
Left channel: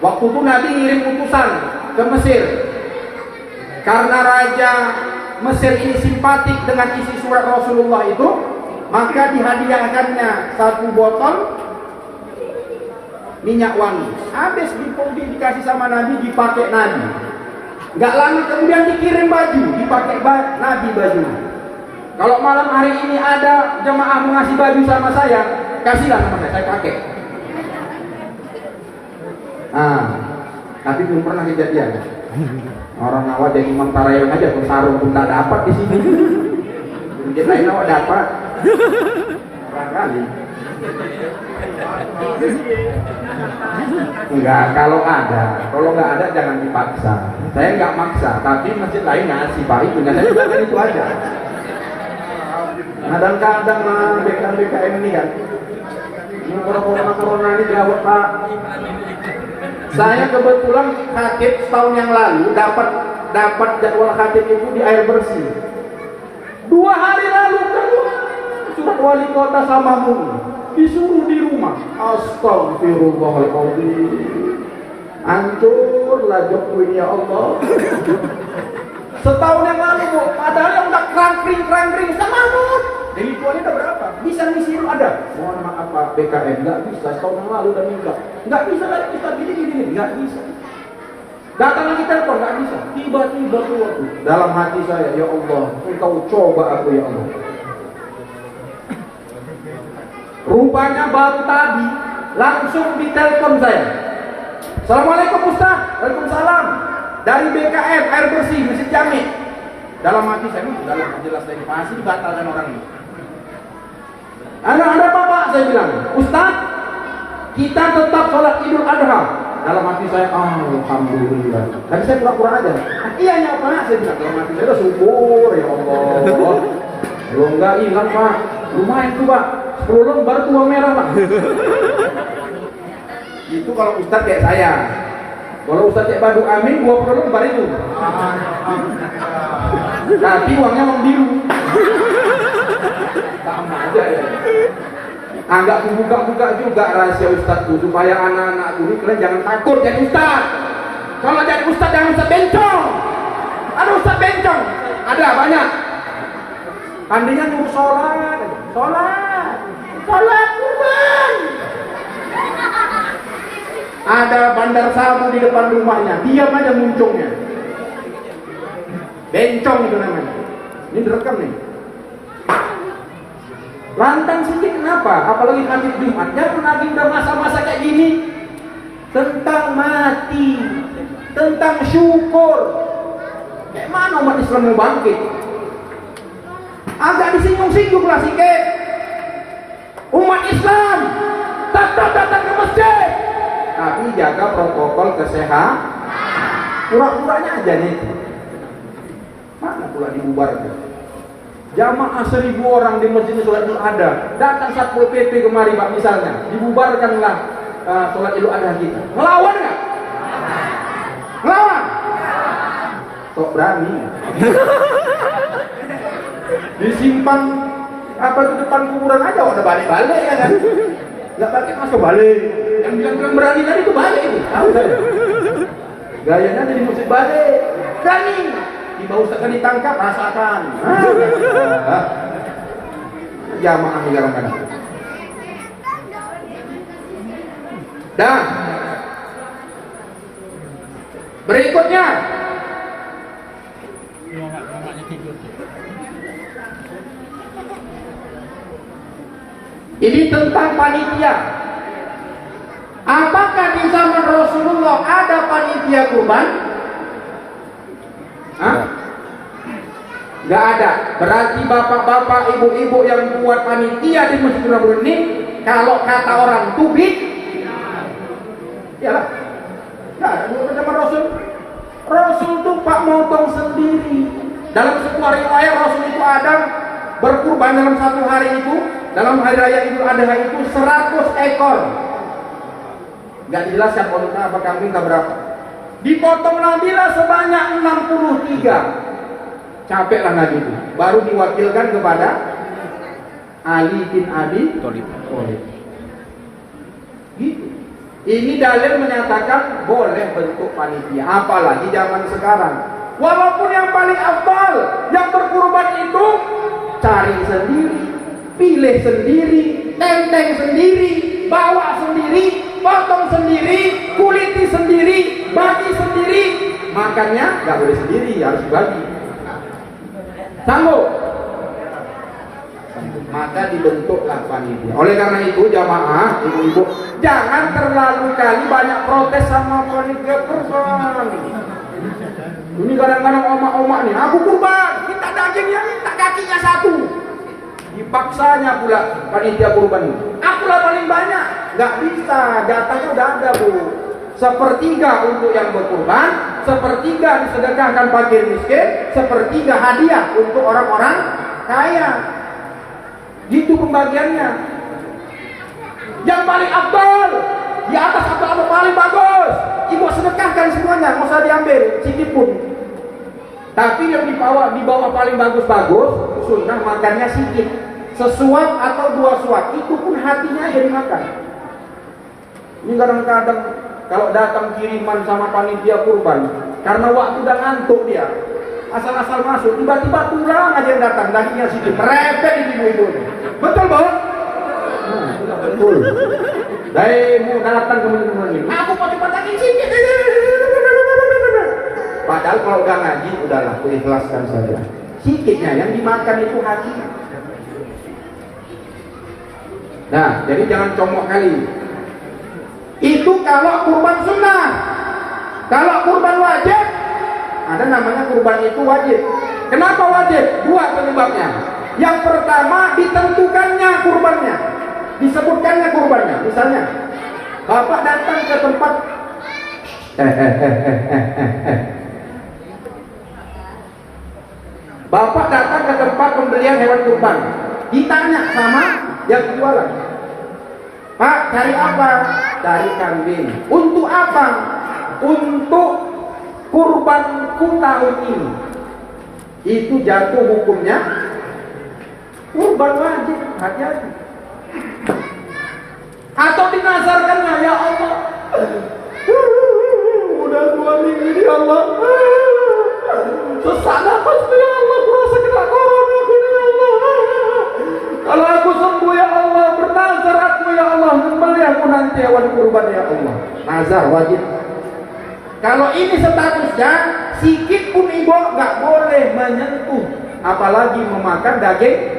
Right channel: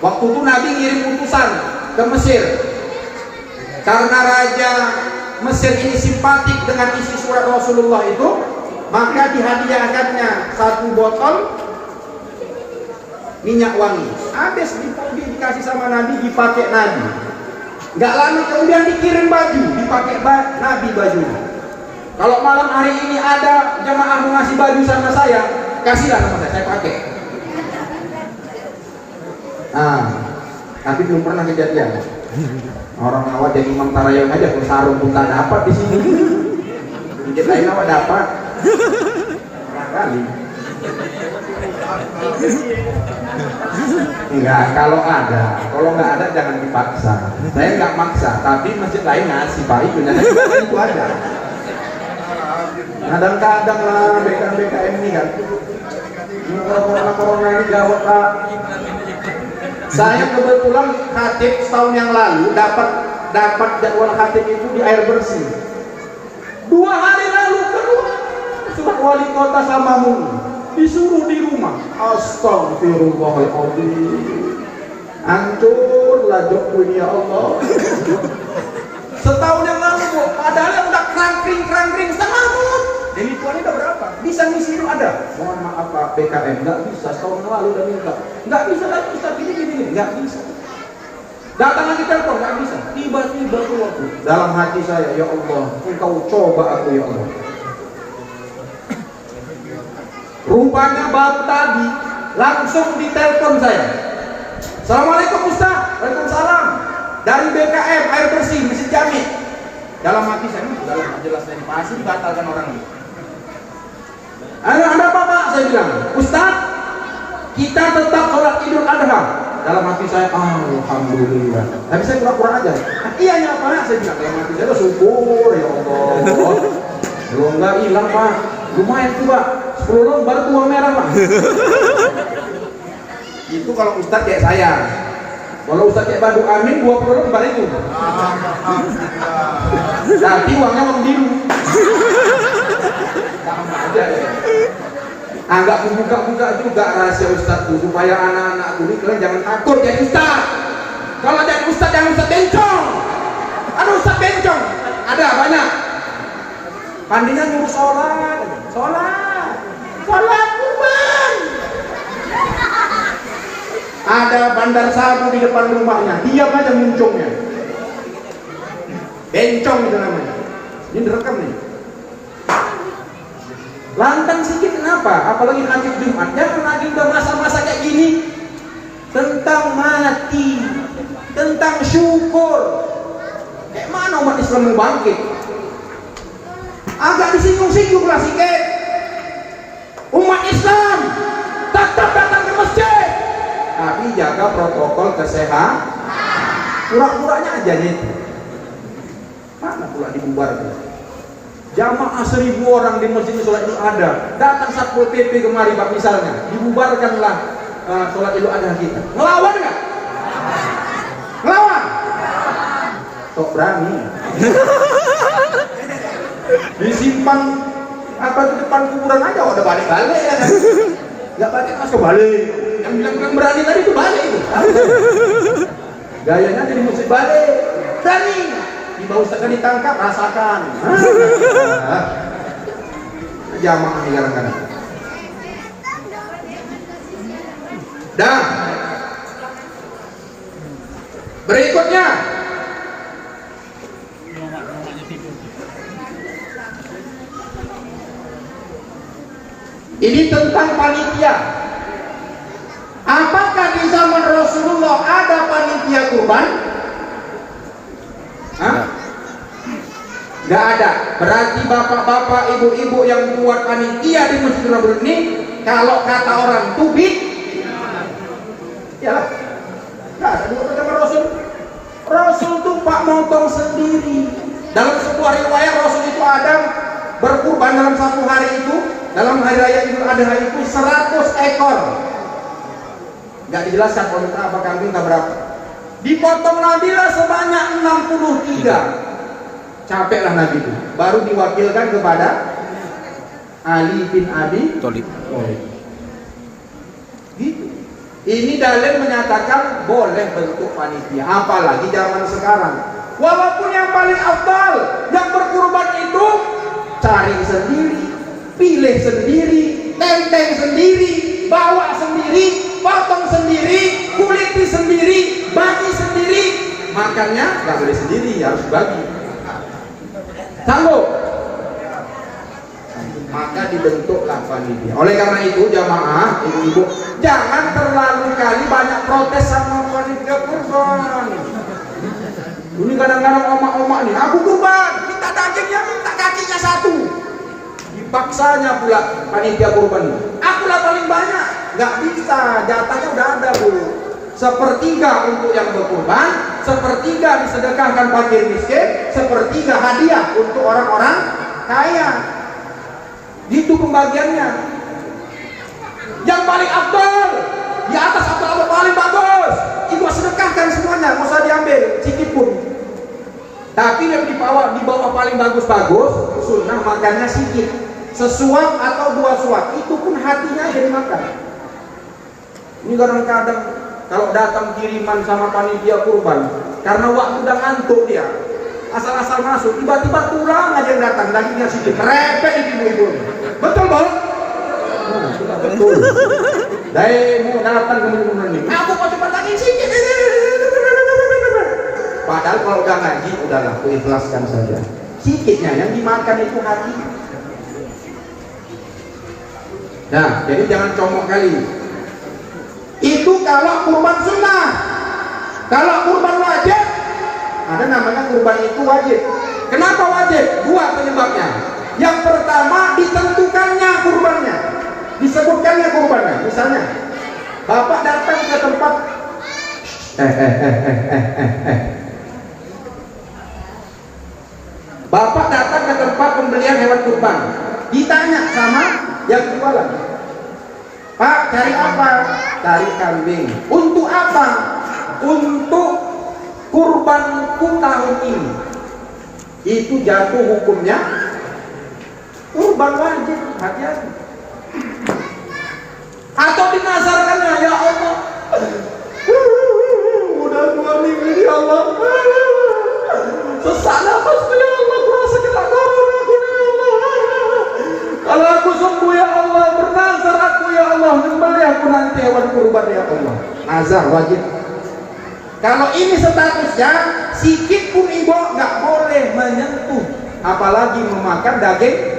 Waktu itu Nabi ngirim utusan ke Mesir. Karena raja Mesir ini simpatik dengan isi surat Rasulullah itu, maka dihadiahkannya satu botol minyak wangi. Habis dikasih sama Nabi, dipakai Nabi. Nggak lama kemudian dikirim baju, dipakai Nabi baju. Kalau malam hari ini ada jamaah mau ngasih baju sama saya, kasihlah sama saya pakai. Nah, tapi belum pernah kejadian. Orang awal jadi Imam Tarayun aja tuh sarung pun tak dapat di sini. Jadi lain awak dapat. Barangkali. Enggak, kalau nggak ada jangan dipaksa. Saya nggak maksa, tapi masjid lain ngasih baik punya itu aja. Kadang-kadang lah BKM ini kan, corona ini gawat Pak. Saya kebetulan khatib setahun yang lalu dapat jadwal khatib itu di air bersih. 2 hari lalu keluar surat wali kota Samamun, disuruh di rumah. Astagfirullahaladzim, hancurlah jokowi ya Allah. Setahun yang lalu Bu, padahal yang udah kerangkring Samamun. Jadi tuannya udah berapa? Bisa ngisi ada. Mohon maaf Pak BKM, nggak bisa. Setahun yang lalu udah minta. Nggak bisa lagi, bisa gini, nggak bisa. Datang lagi telepon, nggak bisa. Tiba-tiba keluar tuh. Dalam hati saya, ya Allah, Engkau coba aku ya Allah. Rupanya baru tadi langsung ditelepon saya. Assalamualaikum Ustaz. Waalaikumsalam. Dari BKM air bersih Masjid Jami. Dalam hati saya, dalam jelas dari pasti dibatalkan orang ini. Ada apa Pak? Saya bilang, Ustaz, kita tetap sholat Idul Adha. Dalam hati saya, alhamdulillah. Tapi saya pura-pura aja. Iya ya Pak, saya bilang dalam hati saya, syukur ya Allah. Belum nggak hilang Pak. Lumayan tuh Pak. 10 orang baru tua merah Pak. Itu kalau Ustaz kayak saya. Kalau Ustaz kayak Badu Amin, 20 orang baru itu. Tapi uangnya mau biru. Sama aja ya. Nggak buka-buka juga rahasia Ustaz tuh, supaya anak-anak tuh kalian jangan takut jadi Ustaz. Kalau jadi Ustaz jangan Ustaz bencong. Ada Ustaz bencong, ada banyak. Pandinya nyuruh sholat kurban. Ada bandar sabu di depan rumahnya, diam aja muncungnya. Bencong itu namanya. Ini direkam nih. Lantang sedikit kenapa? Apalagi nanti Jumat. Jangan lagi udah masa-masa kayak gini tentang mati, tentang syukur. Kayak mana umat Islam mau bangkit? Agak disinggung-singgung lah sikit. Umat Islam tetap datang ke masjid, tapi jaga protokol kesehatan. Pura-puranya aja nih. Mana pula dibubarkan? Jamaah 1000 orang di masjid sholat Idul Adha, datang Satpol PP kemari Pak misalnya, dibubarkanlah sholat Idul Adha kita. Ngelawan nggak? Ngelawan? Kok berani? Disimpan apa di depan kuburan aja udah balik-balik ya kan? Nggak pakai masuk balik. Yang bilang berani tadi itu balik itu. Gayanya jadi musik balik. Berani. Tiba Ustaz kan ditangkap, rasakan. Jamaah di kadang-kadang. Dan berikutnya ini tentang panitia. Apakah di zaman Rasulullah ada panitia kurban? Gak ada. Berarti bapak-bapak, ibu-ibu yang buat panitia di Masjidil Haram ini, kalau kata orang itu iyalah. Gak ada dulu zaman Rasul. Rasul tuh Pak motong sendiri. Dalam sebuah riwayat Rasul itu ada berkurban dalam satu hari itu dalam hari raya Idul Adha itu 100 ekor. Nggak dijelaskan unta apa kambing berapa. Dipotong Nabilah sebanyak 63. Capeklah Nabi itu. Baru diwakilkan kepada Ali bin Abi Thalib. Gitu. Ini dalil menyatakan boleh bentuk panitia, apalagi zaman sekarang. Walaupun yang paling afdal, yang berkurban itu cari sendiri, pilih sendiri, tenteng sendiri, bawa sendiri, potong sendiri, kuliti sendiri, bagi sendiri. Makannya nggak boleh sendiri, harus bagi. Sanggup? Maka dibentuklah panitia. Oleh karena itu jamaah, ibu-ibu, jangan terlalu kali banyak protes sama panitia kurban. Ini kadang-kadang omak-omak nih, aku kurban, minta dagingnya, minta kakinya satu. Dipaksanya pula panitia kurban. Akulah paling banyak, nggak bisa, jatahnya udah ada bu. Sepertiga untuk yang berkurban, sepertiga disedekahkan fakir miskin, sepertiga hadiah untuk orang-orang kaya. Itu pembagiannya. Yang paling afdal, di atas apa paling bagus, ibu sedekahkan semuanya, nggak usah diambil sedikit pun. Tapi yang dibawa paling bagus-bagus, sunnah makannya sedikit, sesuap atau 2 suap, itu pun hatinya yang dimakan. Ini kadang-kadang kalau datang kiriman sama panitia kurban, karena waktu udah ngantuk dia, asal-asal masuk, tiba-tiba tulang aja yang datang, dagingnya sedikit, repet ibu-ibu. Betul banget. Nah, betul. Dari mau datang ke ini, aku mau coba daging sedikit. Padahal kalau udah ngaji, udahlah, ikhlaskan saja. Sedikitnya yang dimakan itu hati. Nah, jadi jangan comok kali. Itu kalau kurban sunnah. Kalau kurban wajib, ada namanya kurban itu wajib. Kenapa wajib? 2 penyebabnya. Yang pertama, ditentukannya kurbannya, disebutkannya kurbannya. Misalnya, bapak datang ke tempat bapak datang ke tempat pembelian hewan kurban, ditanya sama yang jualan, Pak, cari apa? Cari kambing. Untuk apa? Untuk kurbanku tahun ini. Itu jatuh hukumnya kurban wajib, hati-hati. Atau dinazarkannya, ya Allah, udah 2 minggu ini Allah, sesak nafasku ya Allah, kurasa kena corona aku ya Allah. Kalau aku sembuh ya Allah, bernazar aku ya Allah, menyembelih aku nanti hewan kurban ya Allah. Nazar wajib. Kalau ini statusnya, sikit pun ibu nggak boleh menyentuh, apalagi memakan dagingnya.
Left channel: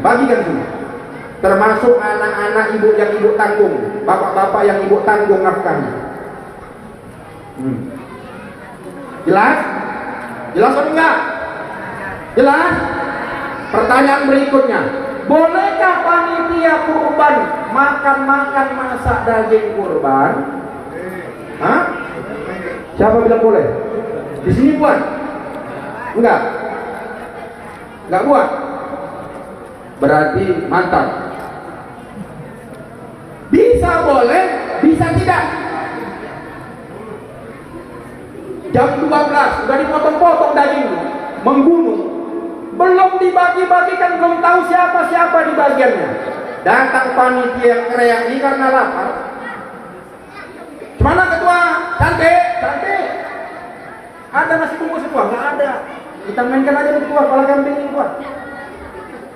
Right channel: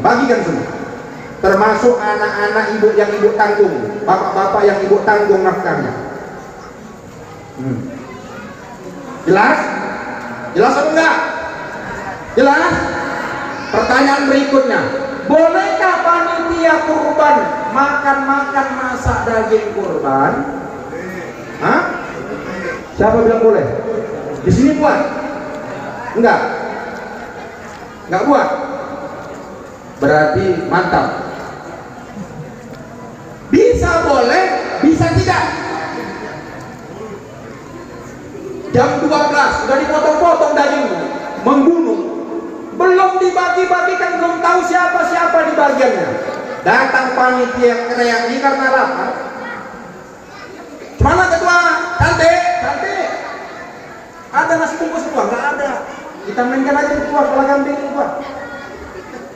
Bagikan semua, termasuk anak-anak ibu yang ibu tanggung, bapak-bapak yang ibu tanggung nafkahnya. Jelas? Jelas atau enggak? Jelas? Pertanyaan berikutnya, bolehkah panitia kurban makan masak daging kurban? Hah? Siapa bilang boleh? Di sini buat? Enggak? Enggak buat? Berarti mantap. Bisa boleh, bisa tidak. Jam 12 sudah dipotong-potong dagingnya, menggunung, belum dibagi-bagikan, belum tahu siapa-siapa di bagiannya. Datang panitia teriak ini karena lapar. Mana ketua? Cantik, cantik. Ada nasi bungkus ketua? Nggak ada. Kita mainkan aja ketua, kepala kambing ketua.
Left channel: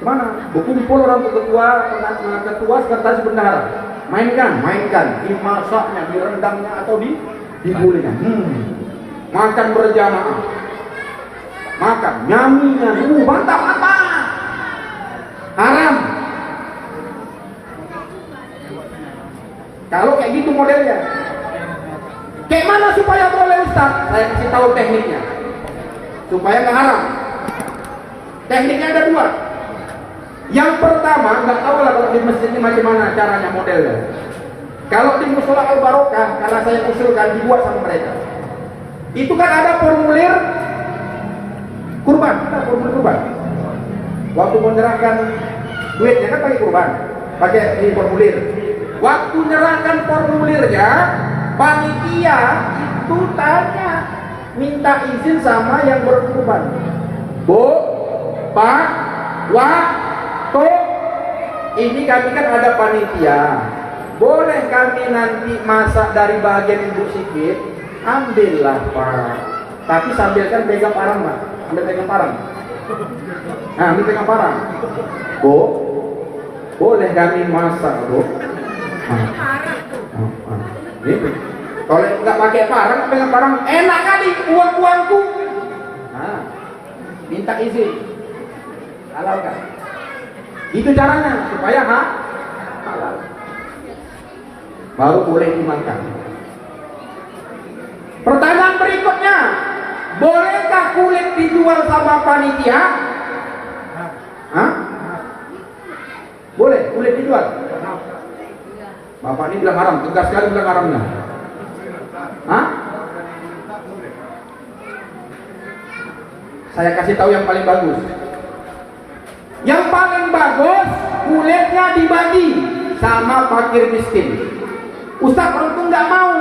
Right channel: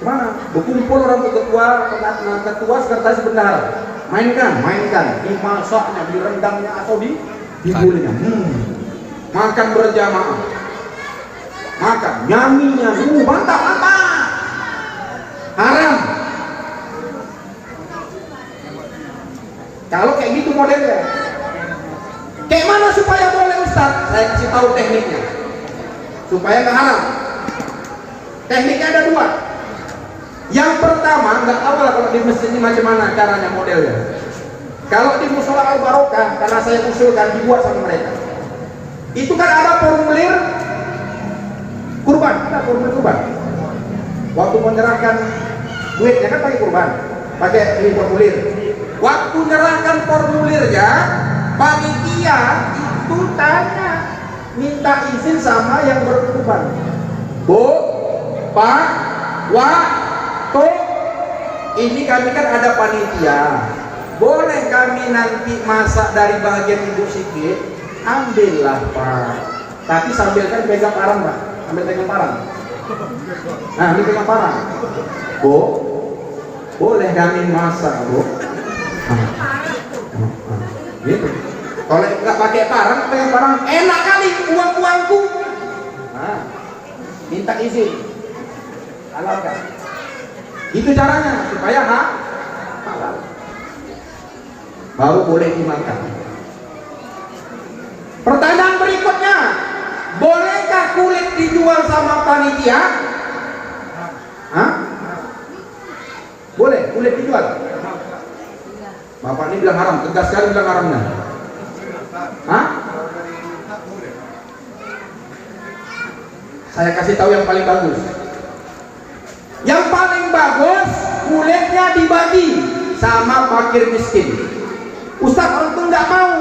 Gimana? Berkumpul orang ketua sekretaris bendahara. Mainkan. Dimasaknya, direndangnya atau digulingnya. Makan berjamaah. Makan, nyaminya, bantah-bantah. Haram. Kalau kayak gitu modelnya. Kayak mana supaya boleh Ustaz? Saya kasih tahu tekniknya. Supaya nggak haram. Tekniknya ada 2. Yang pertama, nggak tahu lah kalau di masjid ini macam mana caranya modelnya. Kalau di Musola Al Barokah, karena saya usulkan dibuat sama mereka, itu kan ada formulir kurban, Waktu menyerahkan Duitnya kan pakai kurban, pakai di formulir. Waktu nyerahkan formulirnya, panitia itu tanya, minta izin sama yang berkurban. Bu, Pak, Wak, Tok, ini kami kan ada panitia. Boleh kami nanti masak dari bagian ibu sikit? Ambillah Pak. Tapi sambil kan pegang parang Pak. Ambil pegang parang. Nah, ambil pegang parang. Bu, boleh kami masak Bu? Gitu. Kalau nggak pakai parang, pegang parang, enak kali uang-uangku. Nah, minta izin. Halalkan. Itu caranya supaya halal. Baru boleh dimakan. Pertanyaan berikutnya, bolehkah kulit dijual sama panitia? Hah? Boleh kulit dijual? Bapak ini bilang haram, tegas sekali bilang haramnya. Hah? Saya kasih tahu yang paling bagus. Yang paling bagus kulitnya dibagi sama fakir miskin. Ustaz, orang itu nggak mau.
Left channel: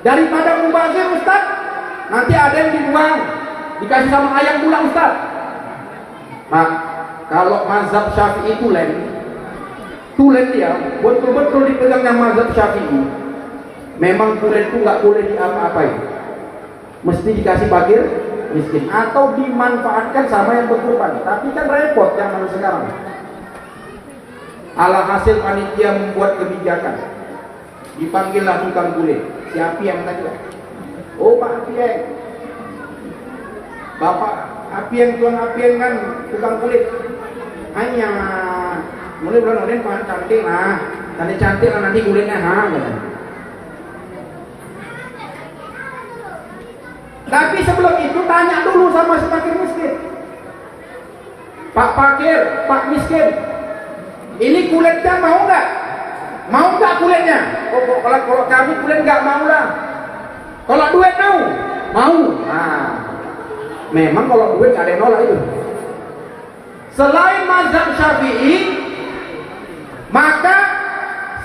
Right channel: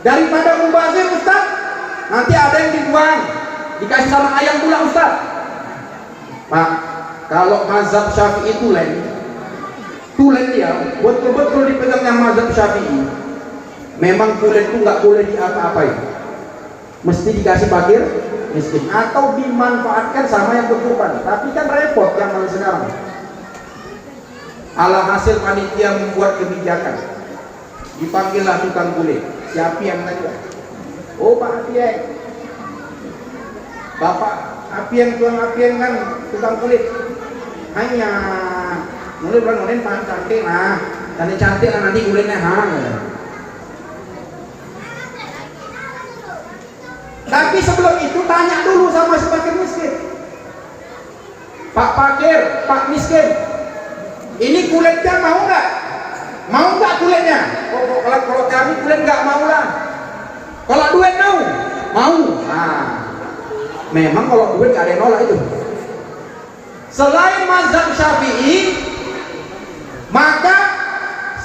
Daripada mubazir Ustaz, nanti ada yang dibuang, dikasih sama ayam pula Ustaz. Mak, kalau mazhab Syafi'i tulen dia betul-betul dipegangnya mazhab Syafi'i. Memang kulit itu nggak boleh diapa-apain, mesti dikasih fakir miskin atau dimanfaatkan sama yang berkorban. Tapi kan repot zaman sekarang. Alhasil panitia membuat kebijakan, dipanggillah tukang kulit. Si Apieng tadi. Oh Pak Apieng, Bapak Apieng, tukang Apieng kan tukang kulit. Hanya mulai bulan Nonen Pak cantik lah, cantik lah nanti kulitnya gitu. Tapi sebelum itu tanya dulu sama si fakir miskin. Pak fakir, Pak miskin, ini kulitnya mau nggak? Mau nggak kulitnya? Oh, kalau kami kulit nggak mau lah. Kalau duit mau? Mau. Nah, memang kalau duit nggak ada yang nolak itu. Selain mazhab Syafi'i, maka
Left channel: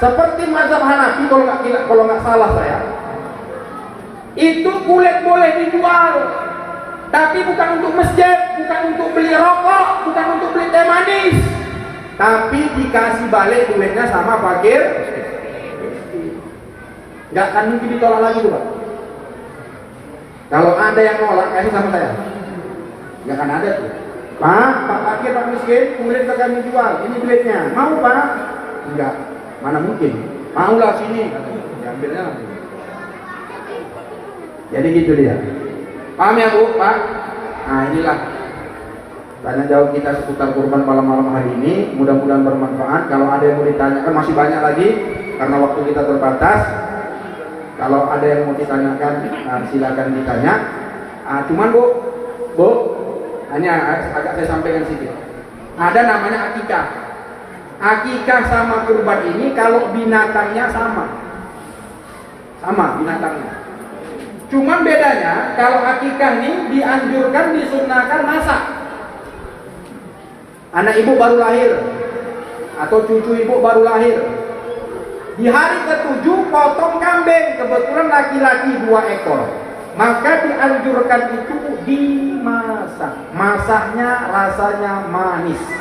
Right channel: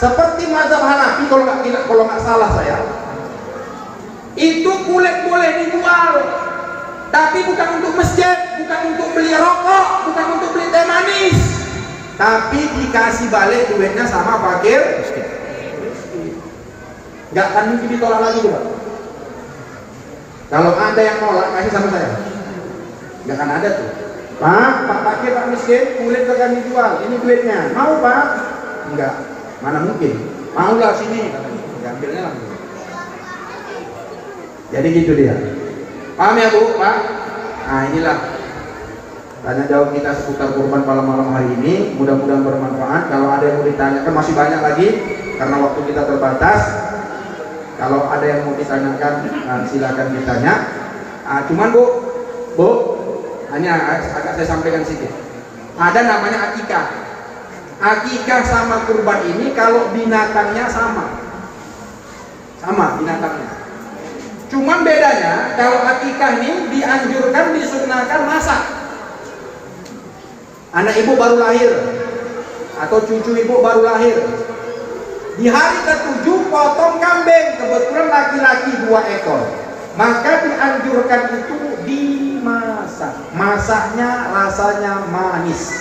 seperti mazhab Hanafi kalau nggak salah saya, itu kulit boleh dijual, tapi bukan untuk masjid, bukan untuk beli rokok, bukan untuk beli teh manis, tapi dikasih balik duitnya sama fakir. Nggak akan mungkin ditolak lagi tuh Pak. Kalau ada yang nolak, kasih sama saya. Nggak akan ada tuh. Pak fakir, Pak miskin, kulit akan dijual, ini duitnya. Mau Pak? Enggak, mana mungkin. Maulah sini, ambilnya lah. Jadi gitu dia. Paham ya Bu, Pak? Nah inilah tanya jawab kita seputar kurban malam-malam hari ini. Mudah-mudahan bermanfaat. Kalau ada yang mau ditanyakan, masih banyak lagi karena waktu kita terbatas. Kalau ada yang mau ditanyakan, silakan ditanya. Cuman Bu, hanya agak saya sampaikan sedikit. Ada namanya akikah. Akikah sama kurban ini kalau binatangnya sama binatangnya. Cuman bedanya kalau akikah ini dianjurkan, disunahkan masak. Anak ibu baru lahir atau cucu ibu baru lahir, di hari ke-7 potong kambing, kebetulan laki-laki 2 ekor, maka dianjurkan itu dimasak. Masaknya rasanya manis.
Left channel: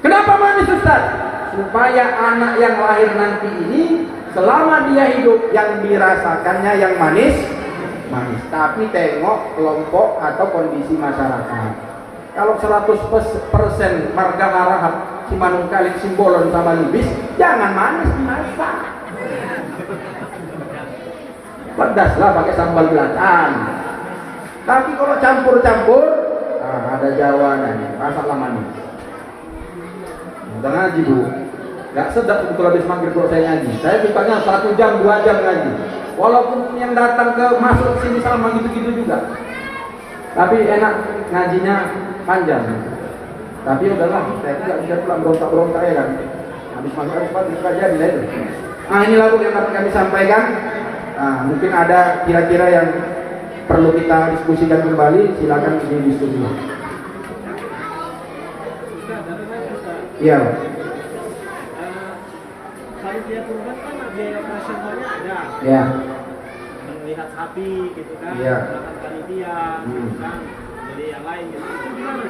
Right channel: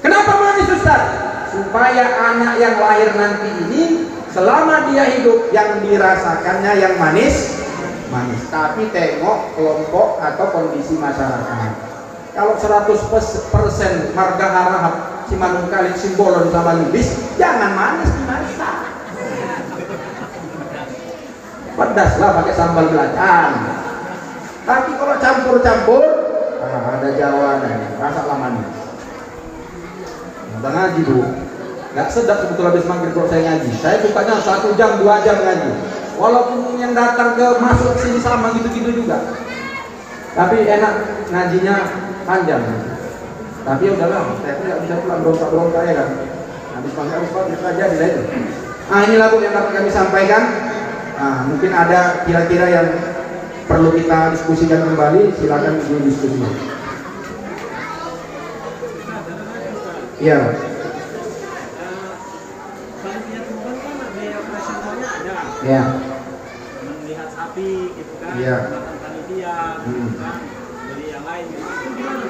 Kenapa manis Ustaz? Supaya anak yang lahir nanti ini selama dia hidup yang dirasakannya yang manis. Tapi tengok kelompok atau kondisi masyarakat. Kalau 100% marga harahap si manung kalik simbolon sama libis, jangan manis dimasak. Pedaslah pakai sambal belacan. Tapi kalau campur-campur, ada jawabannya, rasalah manis. Udah ngaji Bu, nggak sedap sebetulnya habis maghrib kalau saya ngaji. Saya sukanya 1 jam 2 jam ngaji. Walaupun yang datang ke masuk sini sama gitu-gitu juga, tapi enak ngajinya panjang. Tapi udahlah, saya pun nggak bisa pulang berontak ya kan. Habis maghrib bisa jadi lah itu. Inilah Bu yang dapat kami sampaikan. Mungkin ada kira-kira yang perlu kita diskusikan kembali, silakan didiskusikan. Iya. Panitia kurban kan biaya operasionalnya ada. Iya. Melihat sapi gitu kan. Iya. Panitia, kan dari yang lain. Itu gimana?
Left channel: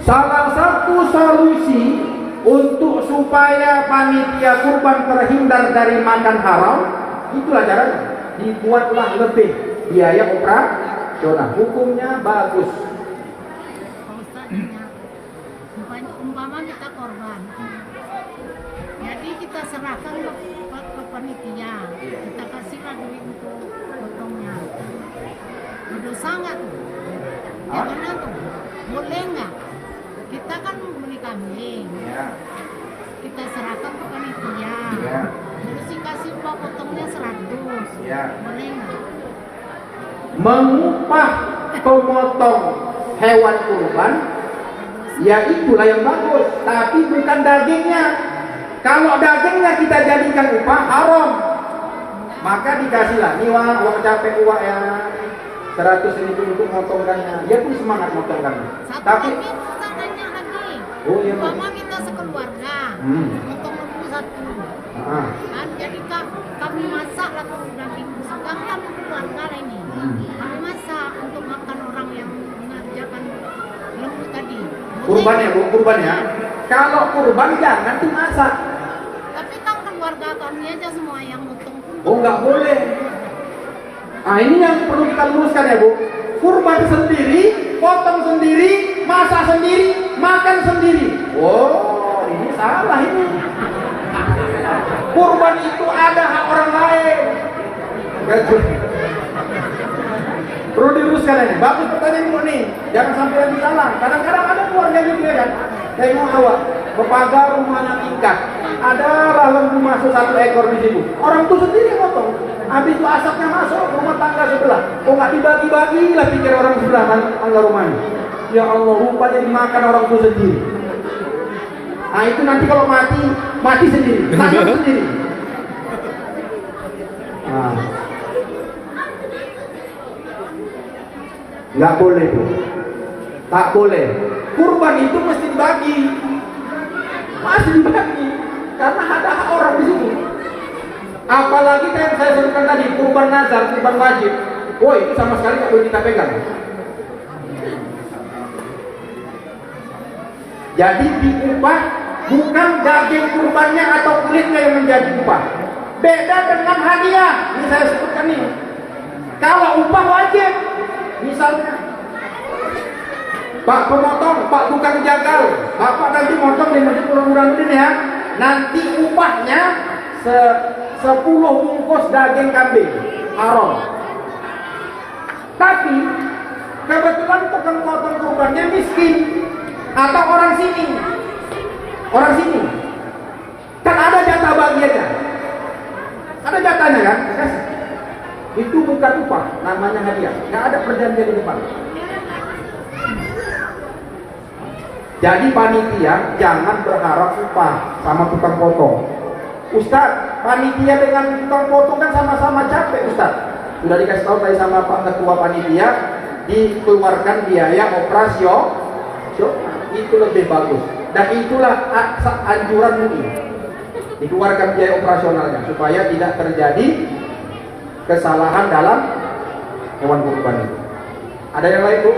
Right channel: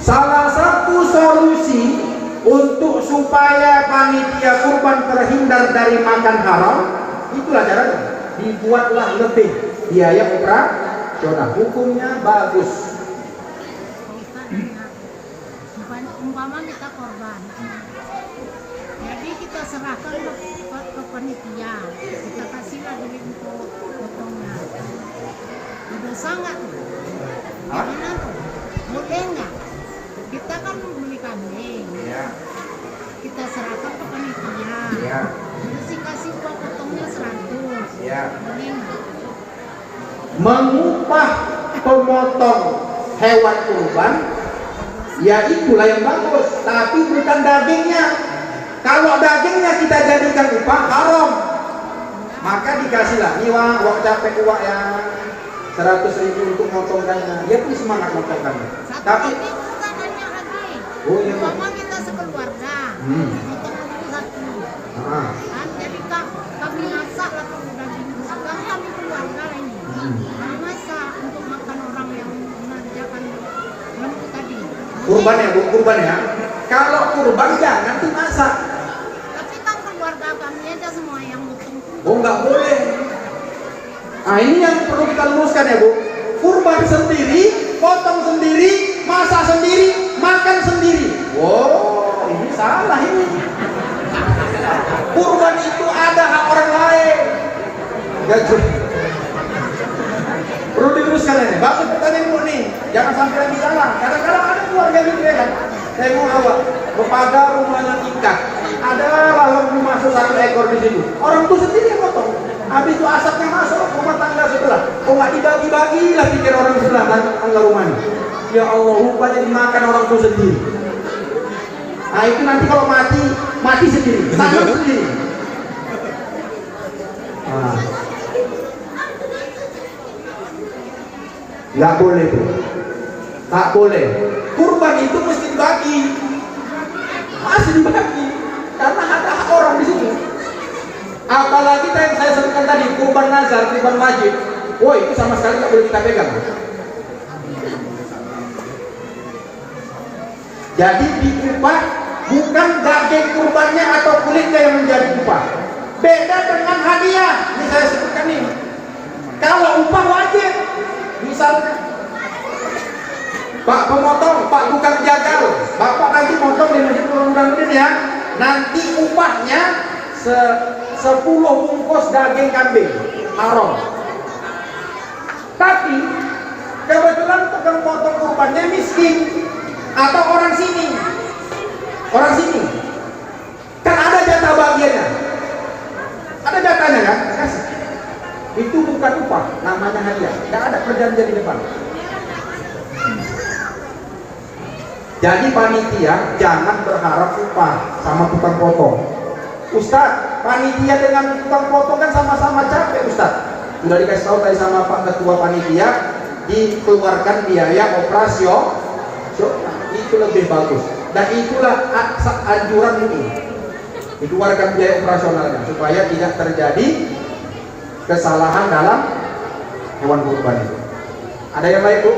Salah satu solusi untuk supaya panitia kurban terhindar dari makan haram, itulah caranya. Dibuatlah lebih biaya operasional. Hukumnya bagus. Umpama kita korban, jadi kita serahkan ke panitia, kita kasihlah duit untuk potongnya. Dosa nggak tuh? Gimana tuh? Boleh nggak? Kita kan membeli kambing, kita serahkan ke panitia, terus dikasih uang potongnya 100, boleh nggak? Mengupah pemotong hewan kurban, ya itulah yang bagus, tapi bukan dagingnya. Kalau dagingnya kita jadikan upah haram, maka dikasihlah nih wak capek uang yang 100.000 untuk motongkannya, dia pun semangat motongkannya. Tapi oh iya Bu. Kita sekeluarga, potong dulu satu. Kan jadi kami masak lah daging suka kan keluarga ini. Kami masak untuk makan orang yang mengerjakan lembu tadi. Kurban ya Bu, kurban ya. Kalau kurban jangan dimasak. Tapi kan keluarga kami aja semua yang potong. Oh nggak boleh. Nah ini yang perlu kita luruskan ya Bu. Kurban sendiri, potong sendiri, masak sendiri, makan sendiri. Oh ini salah ini. Kurban itu ada hak orang lain. Perlu diteruskan ini. Bagus pertanyaan Bu nih. Jangan sampai nanti salah. Kadang-kadang ada keluarga gitu ya kan. Saya mau awak kepada rumahnya ikan. Ada lalang masuk 1 ekor di situ. Orang tuh sendiri yang potong. Habis itu asapnya masuk rumah tangga sebelah. Oh nggak dibagi-bagi lah pikir orang sebelah tangga rumahnya. Ya Allah, rupanya dimakan orang tuh sendiri. Nah itu nanti kalau mati sendiri, tanggung sendiri. Nah. Nggak boleh tuh. Tak boleh. Kurban itu mesti dibagi. Masih dibagi. Karena ada hak orang di sini. Apalagi yang saya sebutkan tadi, kurban nazar, kurban wajib. Oh itu sama sekali nggak boleh kita pegang. Jadi diupah bukan daging kurbannya atau kulitnya yang menjadi upah. Beda dengan hadiah. Ini saya sebutkan nih. Kalau upah wajib, misalnya Pak pemotong, Pak tukang jagal, Bapak nanti motong di Masjid Nurul ya. Nanti upahnya 10 bungkus daging kambing haram. Tapi kebetulan tukang potong kurbannya miskin atau orang sini kan ada jatah bagiannya, ada jatahnya kan, kasih. Itu bukan upah, namanya hadiah. Nggak ada perjanjian di depan. Jadi panitia jangan berharap upah sama tukang potong. Ustaz, panitia dengan tukang potong kan sama-sama capek Ustaz. Sudah dikasih tahu tadi sama Pak Ketua Panitia, dikeluarkan biaya operasional, itu lebih bagus. Dan itulah anjuran MUI, dikeluarkan biaya operasionalnya supaya tidak terjadi kesalahan dalam hewan kurban itu. Ada yang lain Bu?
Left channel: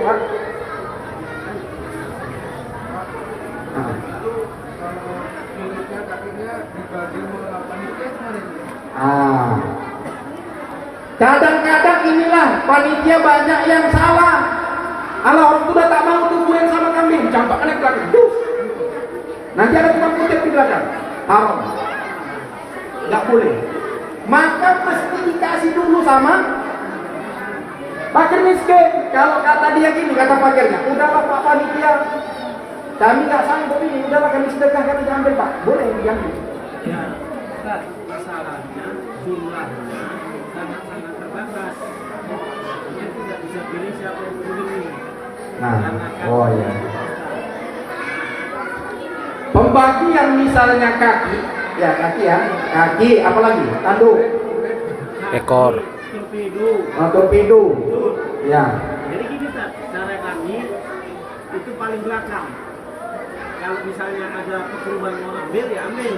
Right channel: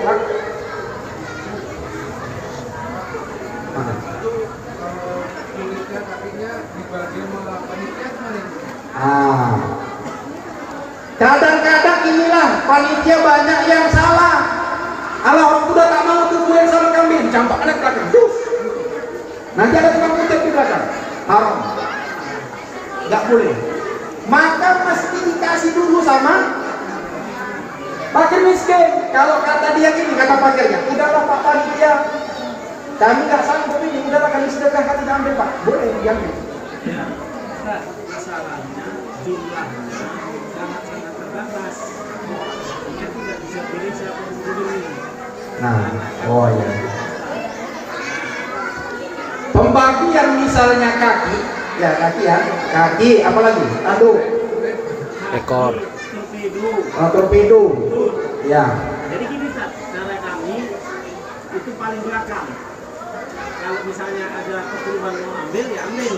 Kadang-kadang inilah panitia banyak yang salah. Kalau orang sudah tak mau tubuhin sama kambing, campaknya ke belakang. Nanti ada tukang kutip di belakang. Haram. Nggak boleh. Maka mesti dikasih dulu sama fakir miskin. Kalau kata dia gini, kata fakirnya, udahlah Pak panitia, kami nggak sanggup ini, udahlah kami sedekah, kami ambil Pak. Boleh diambil. Ya, enggak. Masalahnya jumlahnya sangat-sangat terbatas. Mungkin tidak bisa pilih siapa yang pilih. Nah, oh ya. Pembagian misalnya kaki, ya kaki ya, kaki apalagi, tanduk, ekor, torpedo, ya. Jadi gini Pak, cara kami itu paling belakang. Kalau misalnya ada kekurban mau ambil ya ambil.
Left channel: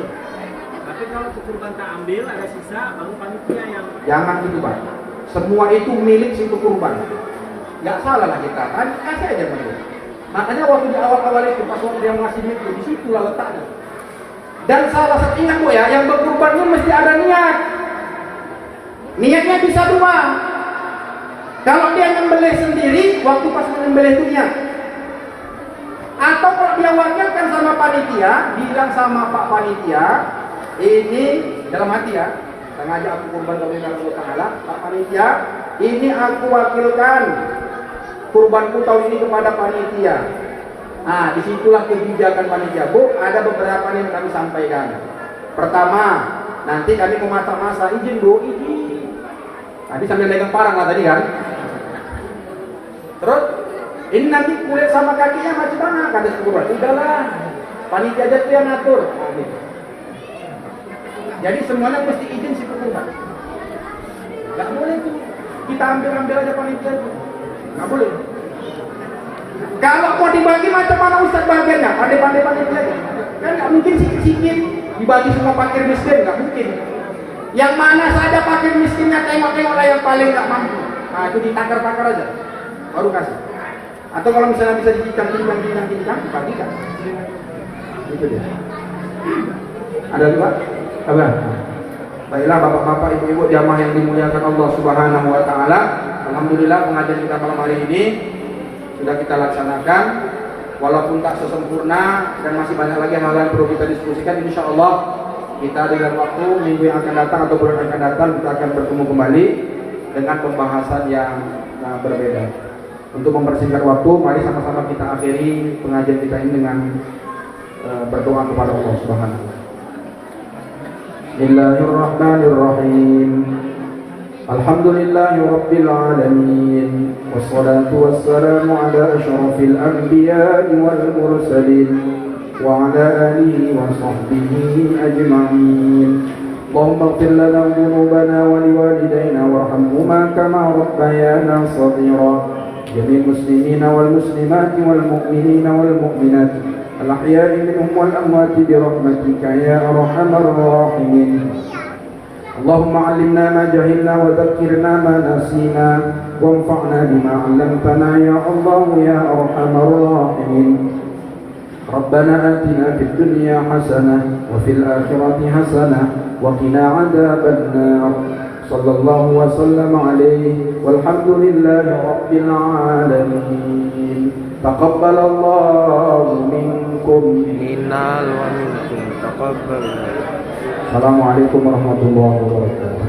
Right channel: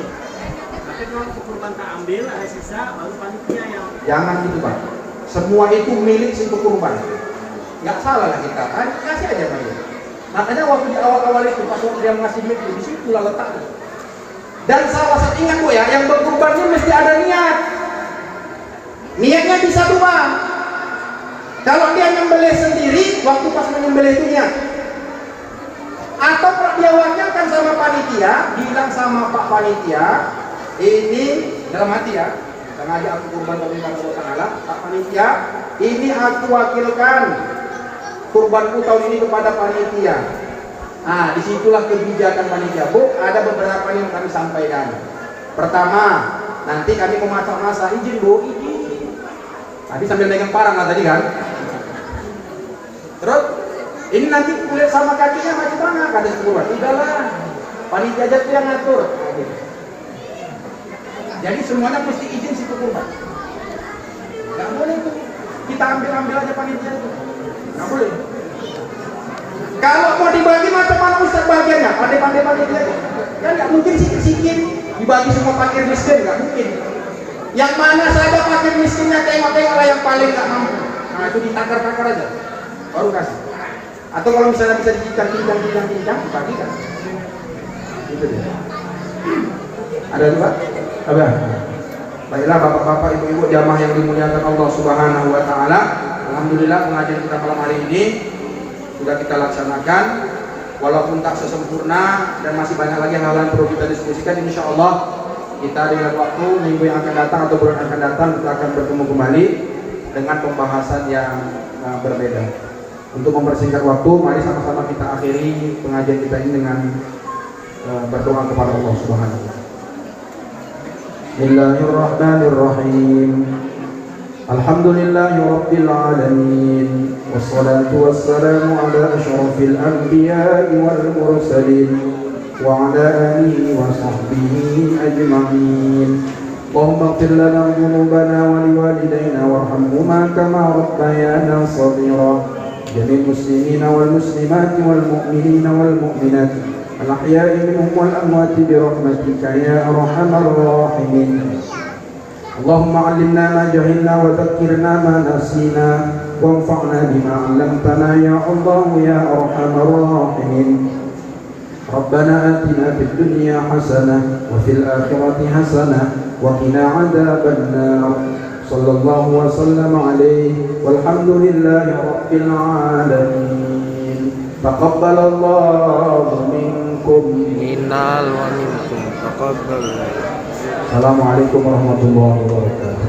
Tapi kalau kekurban tak ambil ada sisa baru panitia yang. Jangan gitu Pak. Semua itu milik si pekurban. Nggak salah lah kita. Kasih aja Pak. Makanya waktu di awal-awal itu pas waktu dia ngasih duit di situ lah letaknya. Dan salah satu ingat Bu ya, yang berkurban itu mesti ada niat. Niatnya bisa dua. Kalau dia nyembelih sendiri, waktu pas menyembelih itu niat. Atau kalau dia wakilkan sama panitia, bilang sama Pak Panitia, ini dalam hati ya, sengaja aku kurban kepada Allah Ta'ala, Pak Panitia, ini aku wakilkan kurbanku tahun ini kepada panitia. Nah, disitulah kebijakan panitia. Bu, ada beberapa yang kami sampaikan. Pertama, nanti kami mau masak-masak, izin Bu, izin. Tadi sambil megang parang lah tadi kan. Terus, ini nanti kulit sama kakinya macam mana? Kata si kurban, udahlah, panitia aja tuh yang ngatur. Nah, gitu. Jadi semuanya mesti izin si kurban. Gak boleh tuh, kita ambil aja panitia itu. Nggak boleh. Kalau mau dibagi macam mana Ustaz bagiannya? Pandai-pandai panitia aja. Kan nggak mungkin sikit-sikit dibagi semua fakir miskin, nggak mungkin. Yang mana saja fakir miskinnya tengok-tengok lah yang paling nggak mampu. Nah itu ditakar-takar aja, baru kasih. Atau kalau misalnya bisa dicincang, dibagikan. Itu dia. Ada juga? Apa? Baiklah bapak-bapak, ibu-ibu jamaah yang dimuliakan Allah Subhanahu Wa Taala. Alhamdulillah pengajian kita malam hari ini sudah kita laksanakan, walaupun tak sesempurna dan masih banyak lagi hal yang perlu kita diskusikan. Insya Allah kita dengan waktu minggu yang akan datang atau bulan yang akan datang kita akan bertemu kembali dengan pembahasan yang berbeda. Untuk mempersingkat waktu, mari sama-sama kita akhiri pengajian kita ini dengan berdoa kepada Allah Subhanahu wa Ta'ala. Bismillahirrahmanirrahim. Alhamdulillahi Rabbil Alamin. Wassalatu wassalamu ala ashrafil anbiya'i wal mursalin wa ala alihi wa sahbihi ajma'in. Allahumma ighfir lana dhunubana wa liwalidayna warhamhuma kama rabbayana shaghira. Jami'il muslimina wal muslimati wal mu'minina wal mu'minat al-ahya'i minhum wal amwati bi rahmatika ya arhamar rahimin. اللهم علمنا ما جهلنا وذكرنا ما نسينا وانفعنا بما علمتنا يا الله يا أرحم الراحمين. ربنا آتنا في الدنيا حسنة وفي الآخرة حسنة وقنا عذاب النار. صلى الله وسلم عليه والحمد لله رب العالمين. تقبل الله منكم Minal wa minkum taqabbal. Assalamualaikum warahmatullahi wabarakatuh.